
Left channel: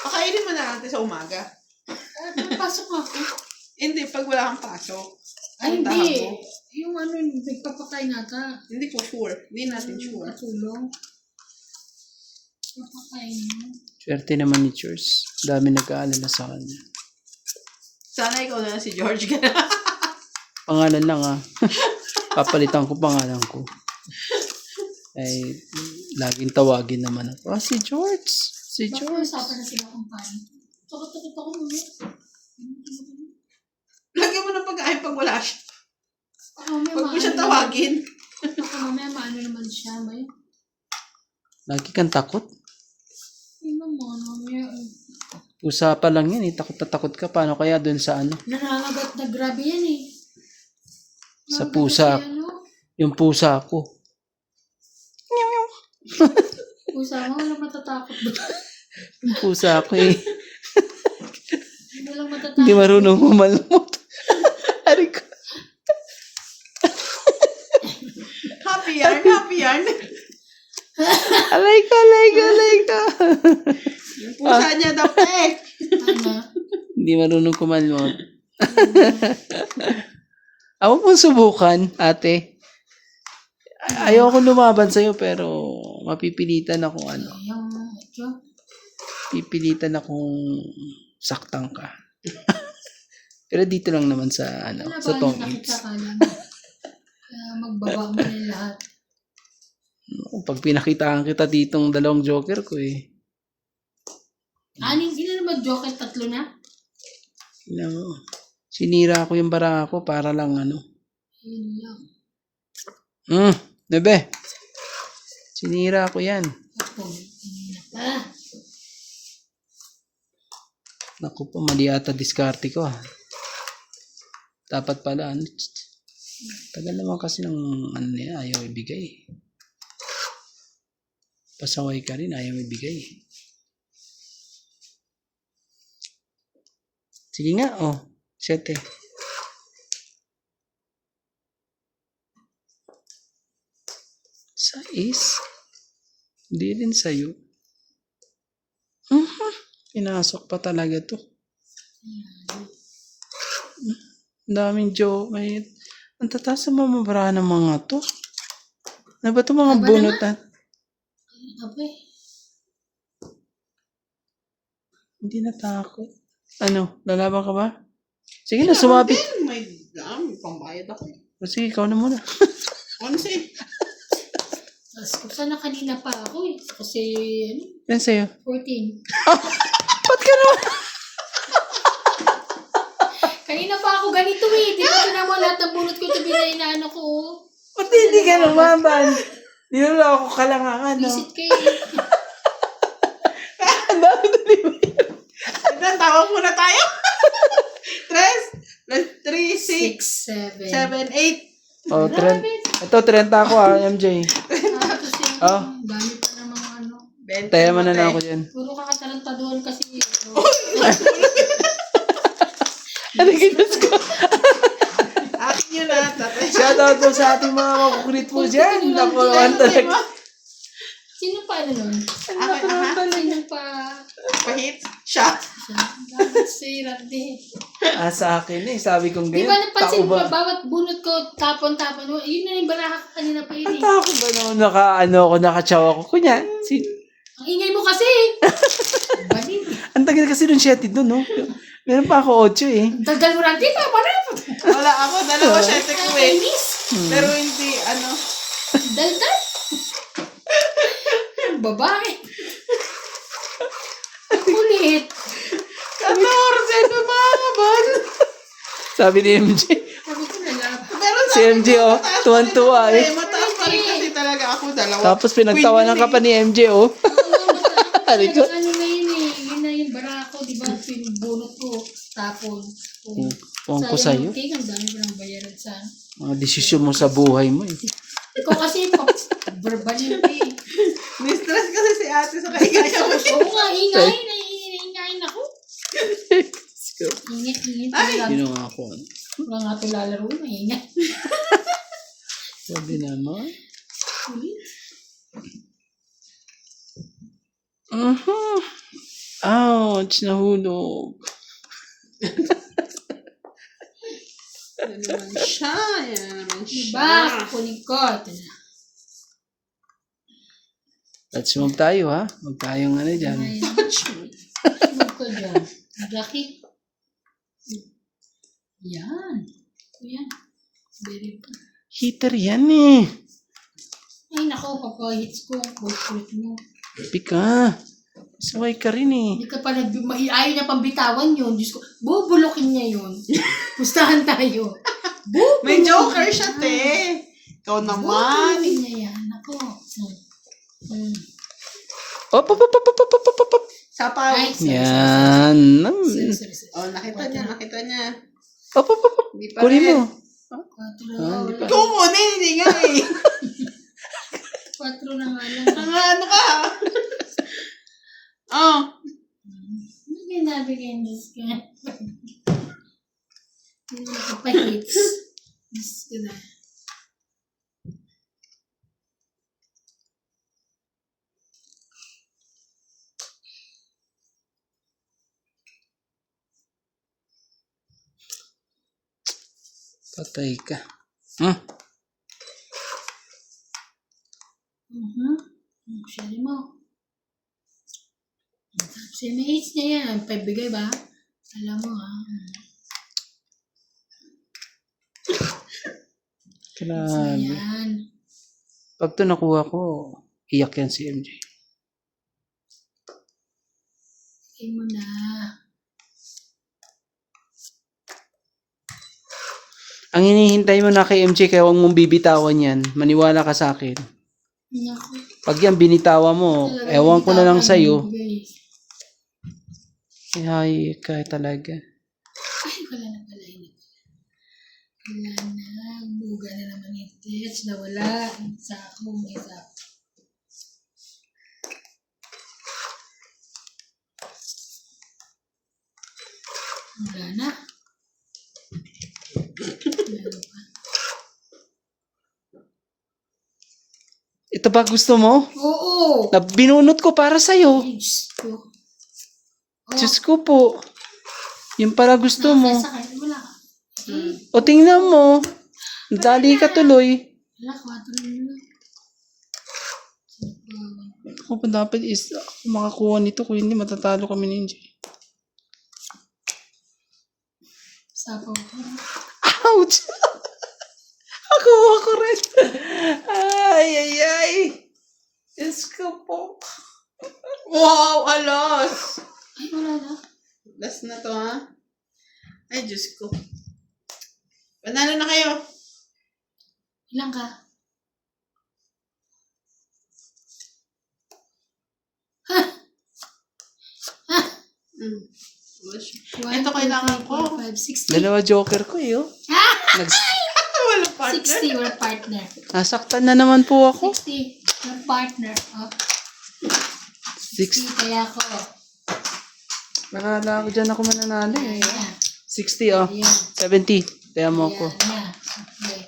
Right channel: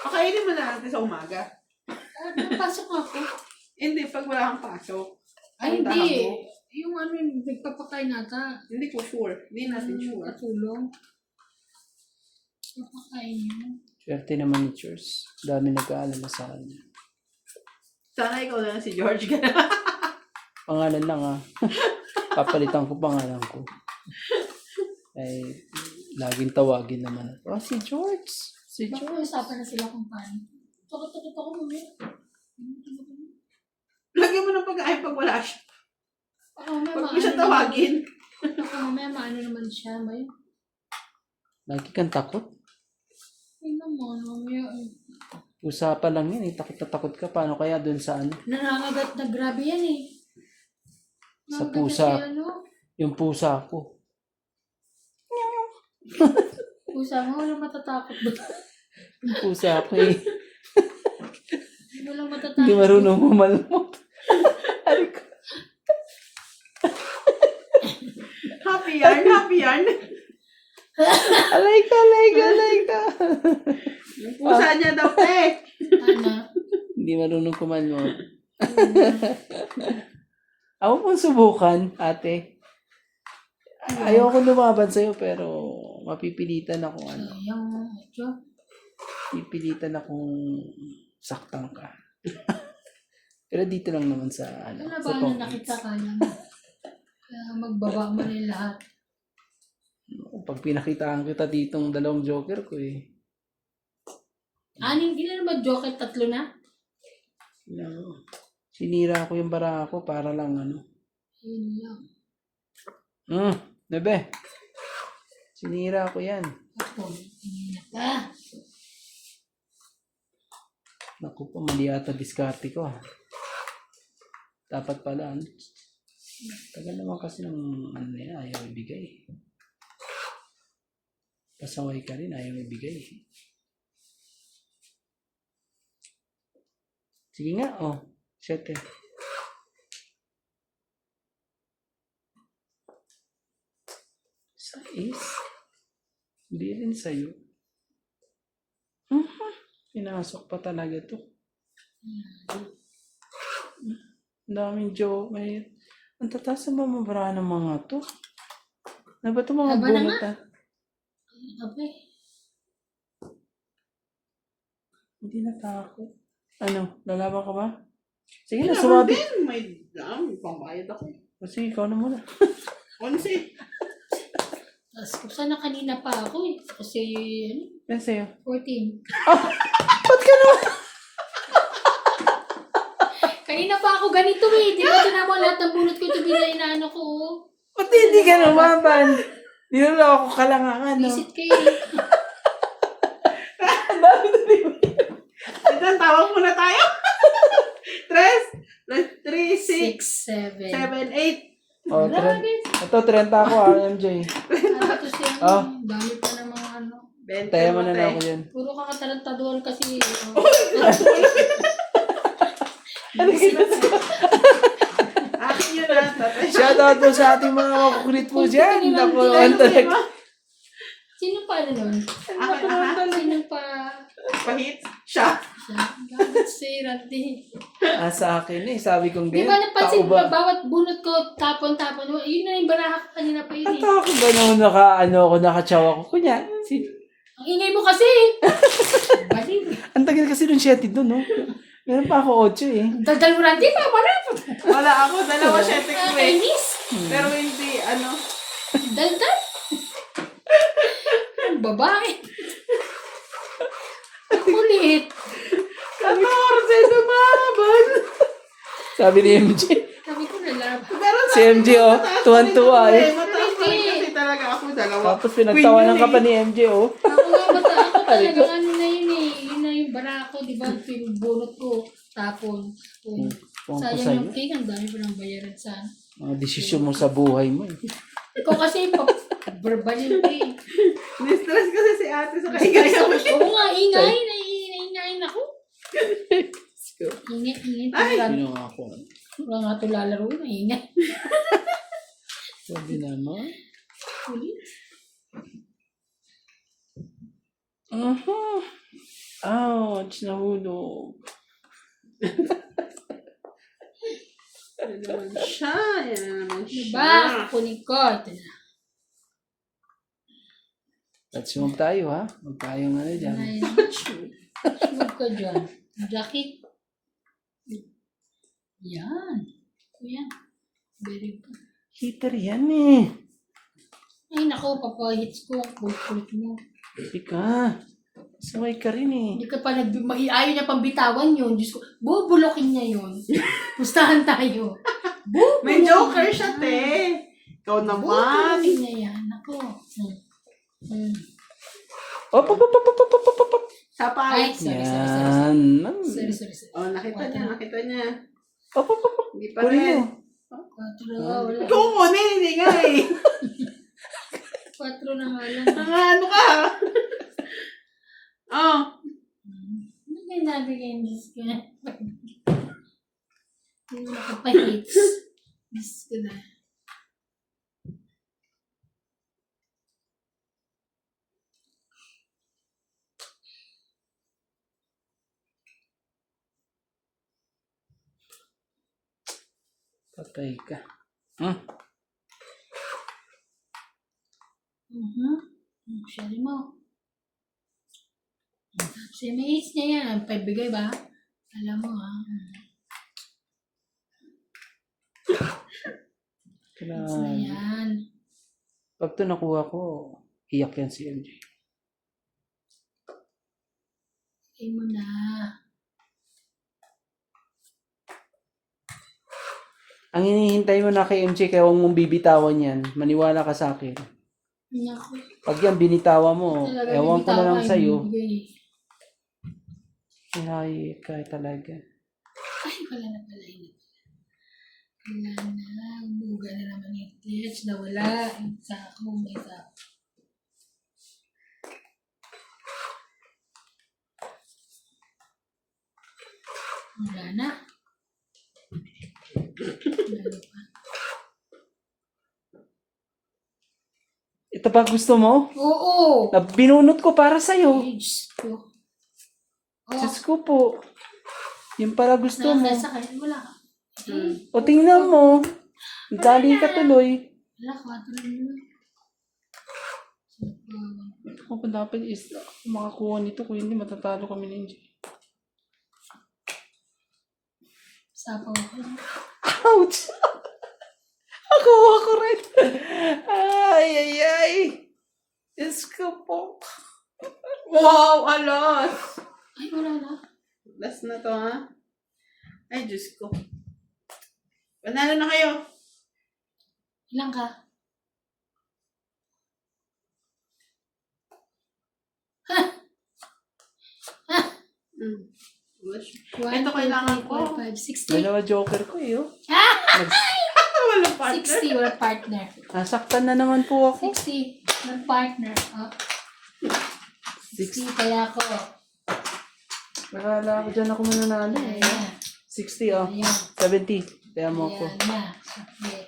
Pakainin mo na natin sa umaga. Pasok ako. Hindi, pag wala kang pasok. Ay, Puntahan hindi. mo. Yung ano, nagpapakain nata. Hindi ko sure. Hindi natin sure. Katulong. Papakain mo. Swerte naman ni Churs. Dami nag-aalala sa kanya. Sana ikaw na lang si George. Pangalan lang ah. Papalitan ko pangalan ko. Ay, laging tawagin naman ako. Ah, si George. Si Baka George. usapan na sila kung paano. Takot ako mamaya. Lagyan mo ng pagkain pag wala siya. Baka mamaya Huwag mo siya tawagin. Baka mamaya maano naman siya. May, Lagi kang takot. ay naman, mamaya. Pusa pa lang yan eh. Takot na takot ka. Paano kaya dun sa ano? Nangangagat na grabe yan eh. Sa Nangangagat pusa. si ano. Yung pusa ko. Pusa mo, wala matatakot ba? Yung pusa ko eh. Walang matatakot. Hindi marunong kumalmot. Ari ko. Happy yarn, happy yarn. Alay ka. Yung pusa niya daw eh. Ano? Hindi marunong kumalmot. Ako pong subukan, ate. Ayoko lumaban sa'yo pero mapipilitan ako ano. Yung, ito. pipilitan akong saktan ka. Pero dito lang naman sa, Wala sa ba tong na nakita eats. ka lang? Kaya magbaba mo na yung lahat. Pag pinakitaan kita ditong dalawang joker ko eh. Aning, ilan naman joker? 3 na? No. Sinira ko yung bara ko para lang Yun lang. Nebe. Sinira ko yan. Ako, kanina pa. Naku po, mali ata diskarte ko ah. Dapat pala, tagal naman kasi ng niya, ayaw ibigay. Pasaway ka rin, ayaw ibigay. Sige nga, 7. Sais. Hindi rin sa'yo. Pinasok pa talaga to. Ang daming joke. Ang tataas sa mamabara ng mga to. Ano ba ito mga Aba bunutan? Ape. Hindi natakot. Ano? Lalaban ka ba? Sige na, sumabi. May pambayad ako eh. Sige, ikaw na muna. 11. Tapos sana kanina pa ako eh. Kasi, Yan sa'yo. 14. Ba't ka naman? Kanina pa ako ganito eh. Di ba tinan mo lahat ng bunot ko ito inaano ko. Ba't hindi ka naman? Niloloko ka lang ang Visit kayo eh. Ang dami na di ba? Ito, tawag muna tayo. 3, 6, 6, 7. 7, 8. Oh, Grabe. Ito, 30 ako MJ. Tapos yung Oh. dami pa namang ano. 20 Tayo mo na mate. ako yan. Puro kakatarantaduhan kasi. Ano ginas ko? Akin yun tatay. Shoutout po sa ating mga makukulit po dyan. Naku naman talaga. Sino pa ano nun? Sino pa? Pahit siya. Bakit si Randy? Sa akin sabi kong Di ganyan. ba napansin tao mo, ba? bawat bunot ko, tapon-tapon, yun na yung baraha ko kanina pa yun At eh. ako ba nung nakatsawa ko? Kunya, Ang ingay mo kasi! Baliw. ang tagal kasi nung 7 doon, no? Meron pa ako 8 eh. Daldal mo Randy, parang Wala ako. 2 sete ko eh. Kainis. Pero hindi, Daldal. Ang babae. Ang kulit. 14, lumabas. Sabi ni MJ. Sabi ko nalaban. Pero Si MJ, tuwan-tuwa eh. Mataas pa rin kasi talaga ako. 2. Tapos pinagtawanan ka pa ni MJ, Ako talagang ano na yun eh. Yun na yung bara ko, di ba? Pinubunot ko. Tapon. Puwan ko sa'yo. Sayang yung ang dami ko nang bayaran sa Mga desisyon mo sa buhay mo eh. Ikaw kasi, verbal yun eh. Ni-stress kasi si ate sa kaya Oo nga, ingay. Ingay ako. Ingay. Talaga. Sino nga ako? Wala nga ito lalaro. Ingay. Sabi naman. Ulit. Ouch, nahulog. Yan naman siya. Yan naman Diba? siya. Kukunin ko. Ito na. Let's move tayo ha. Huwag tayong dyan. Sunod ko dyan. Jacket. Yan. Yan. Very good. Heater yan eh. Ay, nako, papahits ko ang kulit mo. Pika. Saway ka rin eh. Hindi ka pa ayaw niya pang bitawan yun. Diyos ko, bubulokin niya yun. Pustahan tayo. May joker siya, te. Ikaw naman. Bubulokin niya yan. Nako. Op. Sapaw. Ay, sorry. Yan. Sorry. Oh, nakita niya. Op. Hindi pa Kunin rin. mo. 4 na wala. Kukunin, hindi nga eh. 4 na nga lang. Mga ano ka? Oh. Ano kayo nabigay ng Diyos ko? Hindi nakapahits. Diyos ko na. Patay ka. Actually mo. Si mates niya yan. Pagbigay ba? Alam mo ha. So, Grabe. yan. Pag ito nakuha ko, iyak yan si MJ. Bigay mo na. Ang hinihintay mo na kay MJ, kaya huwag mong bibitawan yan. Maniwala ka sa akin. Naku. Pag yan binitawa mo, Talaga, ewan ko na lang bibitawan, sa'yo. bigay. Ay, kaya talaga. Ay, wala na pala yun. Wala na. Buga na naman yung tits. Nawala. Sako. May sako. Wala na. Meron pa. Ito ba gusto mo? Oo. Na binunot ko para sa'yo. Ay, Diyos ko. Oh, Diyos ko po. Yung para gusto mo. nasa kanya. Wala ka. O tingnan mo. Dali ka tuloy. Wala ka. Tuloy mo. Ako pa dapat is ako makakuha nito kung hindi matatalo kami ni MJ. Sapaw ko. Ouch! Nakuha ko rin. Ay, ay, ay. Diyos ko po. Wow, alos! Ay, wala na. Last na to, ha? Ay, Diyos ko. Panalo na kayo. Ilang ka? Wala siya. 1, Ito kailangan ko. 5, 60. Dalawa joker ko eh, oh. Wala partner. 60, we're partner. Nasaktan na naman po ako. 60, we're partner. Oh, 60 kaya ako. Nakala ko dyan ako mananalo eh. Ayan. 60 oh. Ayan. 70. Kaya mo ako. Ayan na. Okay.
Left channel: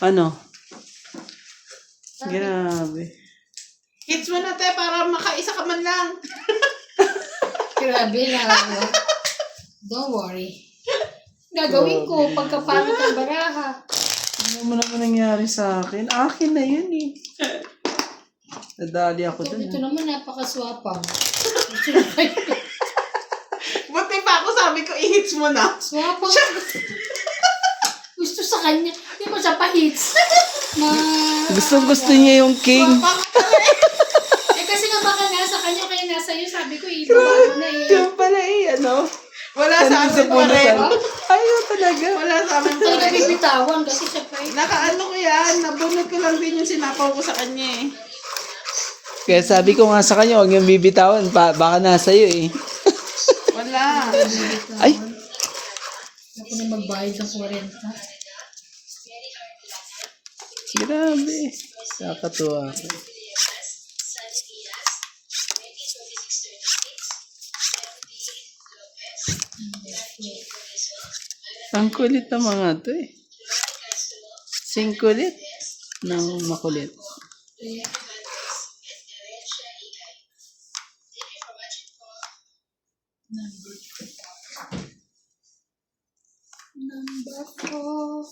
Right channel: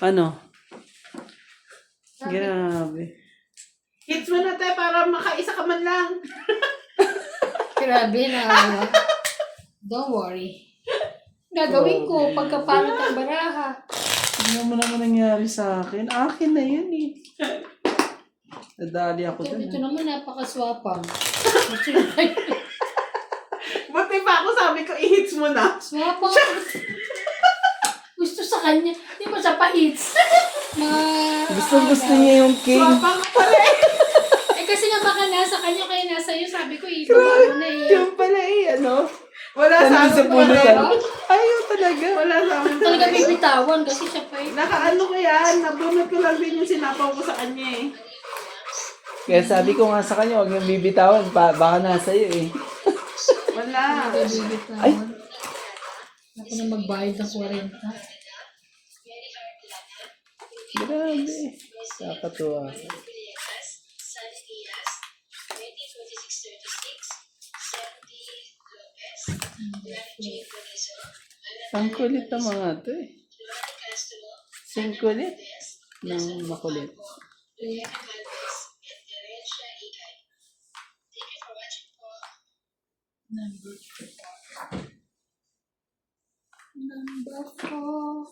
Ano? Grabe. Hits mo na, te, para makaisa ka man lang. Grabe na. Don't worry. Gagawin ko pagkapalit ang baraha. Ano mo naman nangyari sa akin? Akin na yun eh. Nadali ako dun. Ito naman napakaswapang. Buti pa ako sabi ko, i-hits mo na. Swapang. Gusto sa kanya. Hindi mo sa pa-hits. Gustong gusto niya yung king. Wapang pala eh. Eh kasi nga baka nasa kanya kaya nasa iyo. Sabi ko, ibaba mo na eh. Yung pala eh, ano? Wala sa Tanong sa amin puno pa rin. Ayaw talaga. Wala sa amin pa Talaga rin. bibitawan kasi siya pa eh. Nakaano ko yan, nabunod ko lang din yung sinapaw ko sa kanya eh. Kaya sabi ko nga sa kanya, huwag niyang bibitawan. Baka nasa iyo eh. Wala. Ay! Ako na magbayad ng 40. Grabe. Nakakatuwa ako. Ang kulit ng mga to eh. Sing kulit ng makulit. Number 4.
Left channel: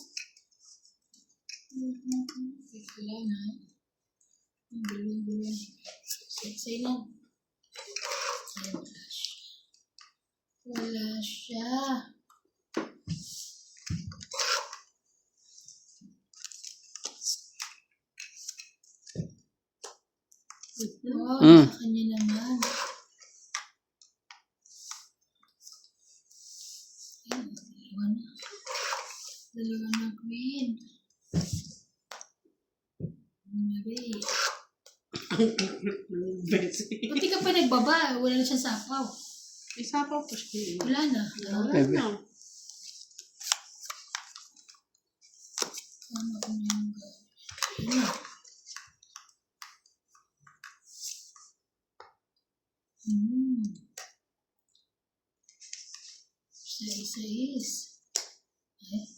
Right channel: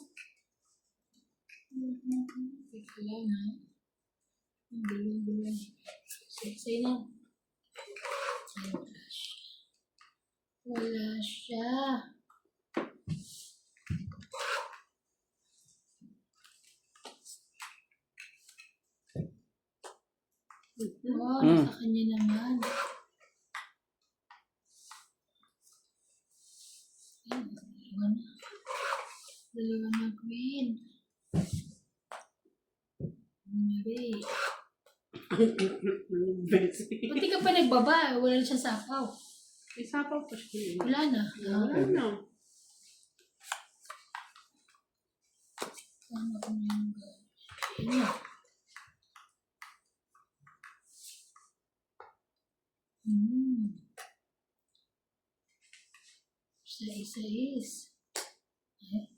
Kailangan. Ang gulo-gulo. Say lang. Wala siya. Ito, sa kanya naman. Iwan na. Dalawa na queen. Mari. Buti ka pa nagbaba. Wala na siyang sapaw. Isapaw ko siya. Wala na. Wala na. Ano ko na yung gawin? Ano? Isa-is. Ay.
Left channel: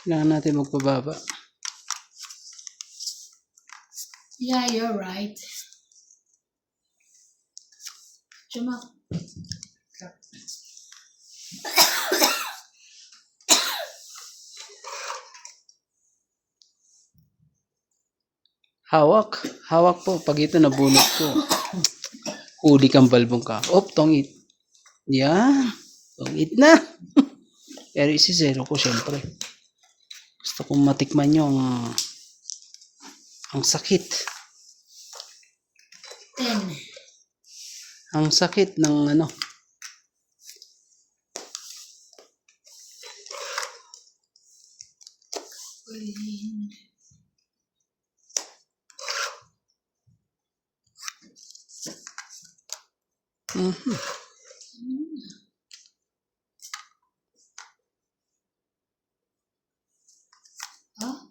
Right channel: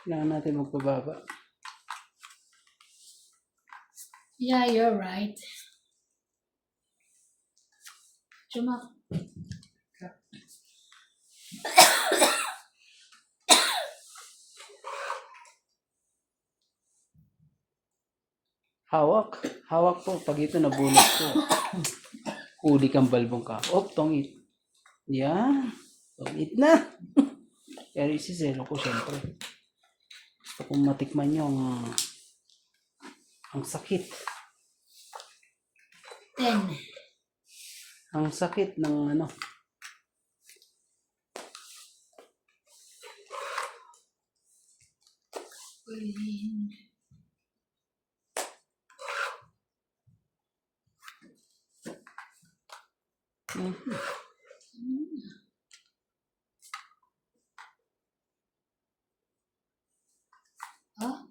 Kailangan natin magpababa. Yeah, you're right. Chumak. Hawak. Hawak po. Pag ito nabunot ko. Huli kang balbong ka. Tongit. Yan. Tongit na. Pero isisero ko syempre. Gusto kong matikman yung ang sakit. 10. Ang sakit ng ano. Mhm. Ah?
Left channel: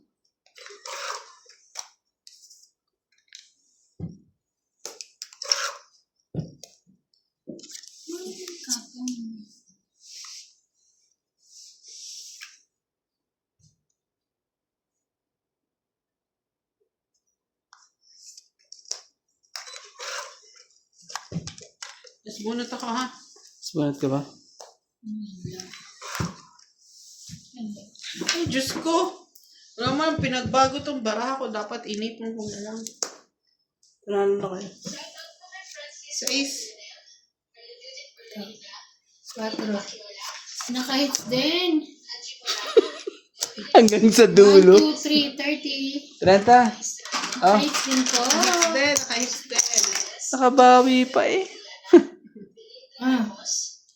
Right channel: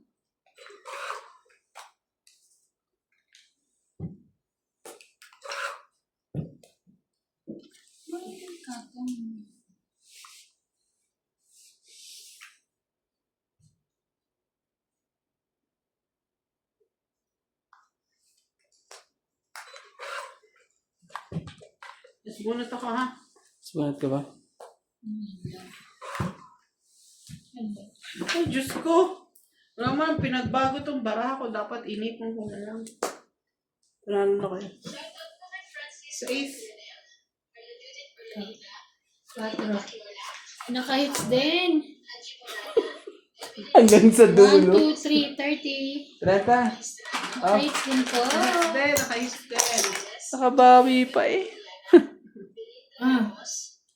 Mas bunot ako ha. Sumunod ka ba? Ay, Diyos ko. Wala man, pinagbago tong baraha ko. Dapat inipon ko na lang. Panalo na kayo. 6. 4. Naka-hits din. Hanggang sa 1, dulo. 2, 3, 30. 30. Oh, Naka-hits din po. Nakahis din. nakabawi pa eh. Ah.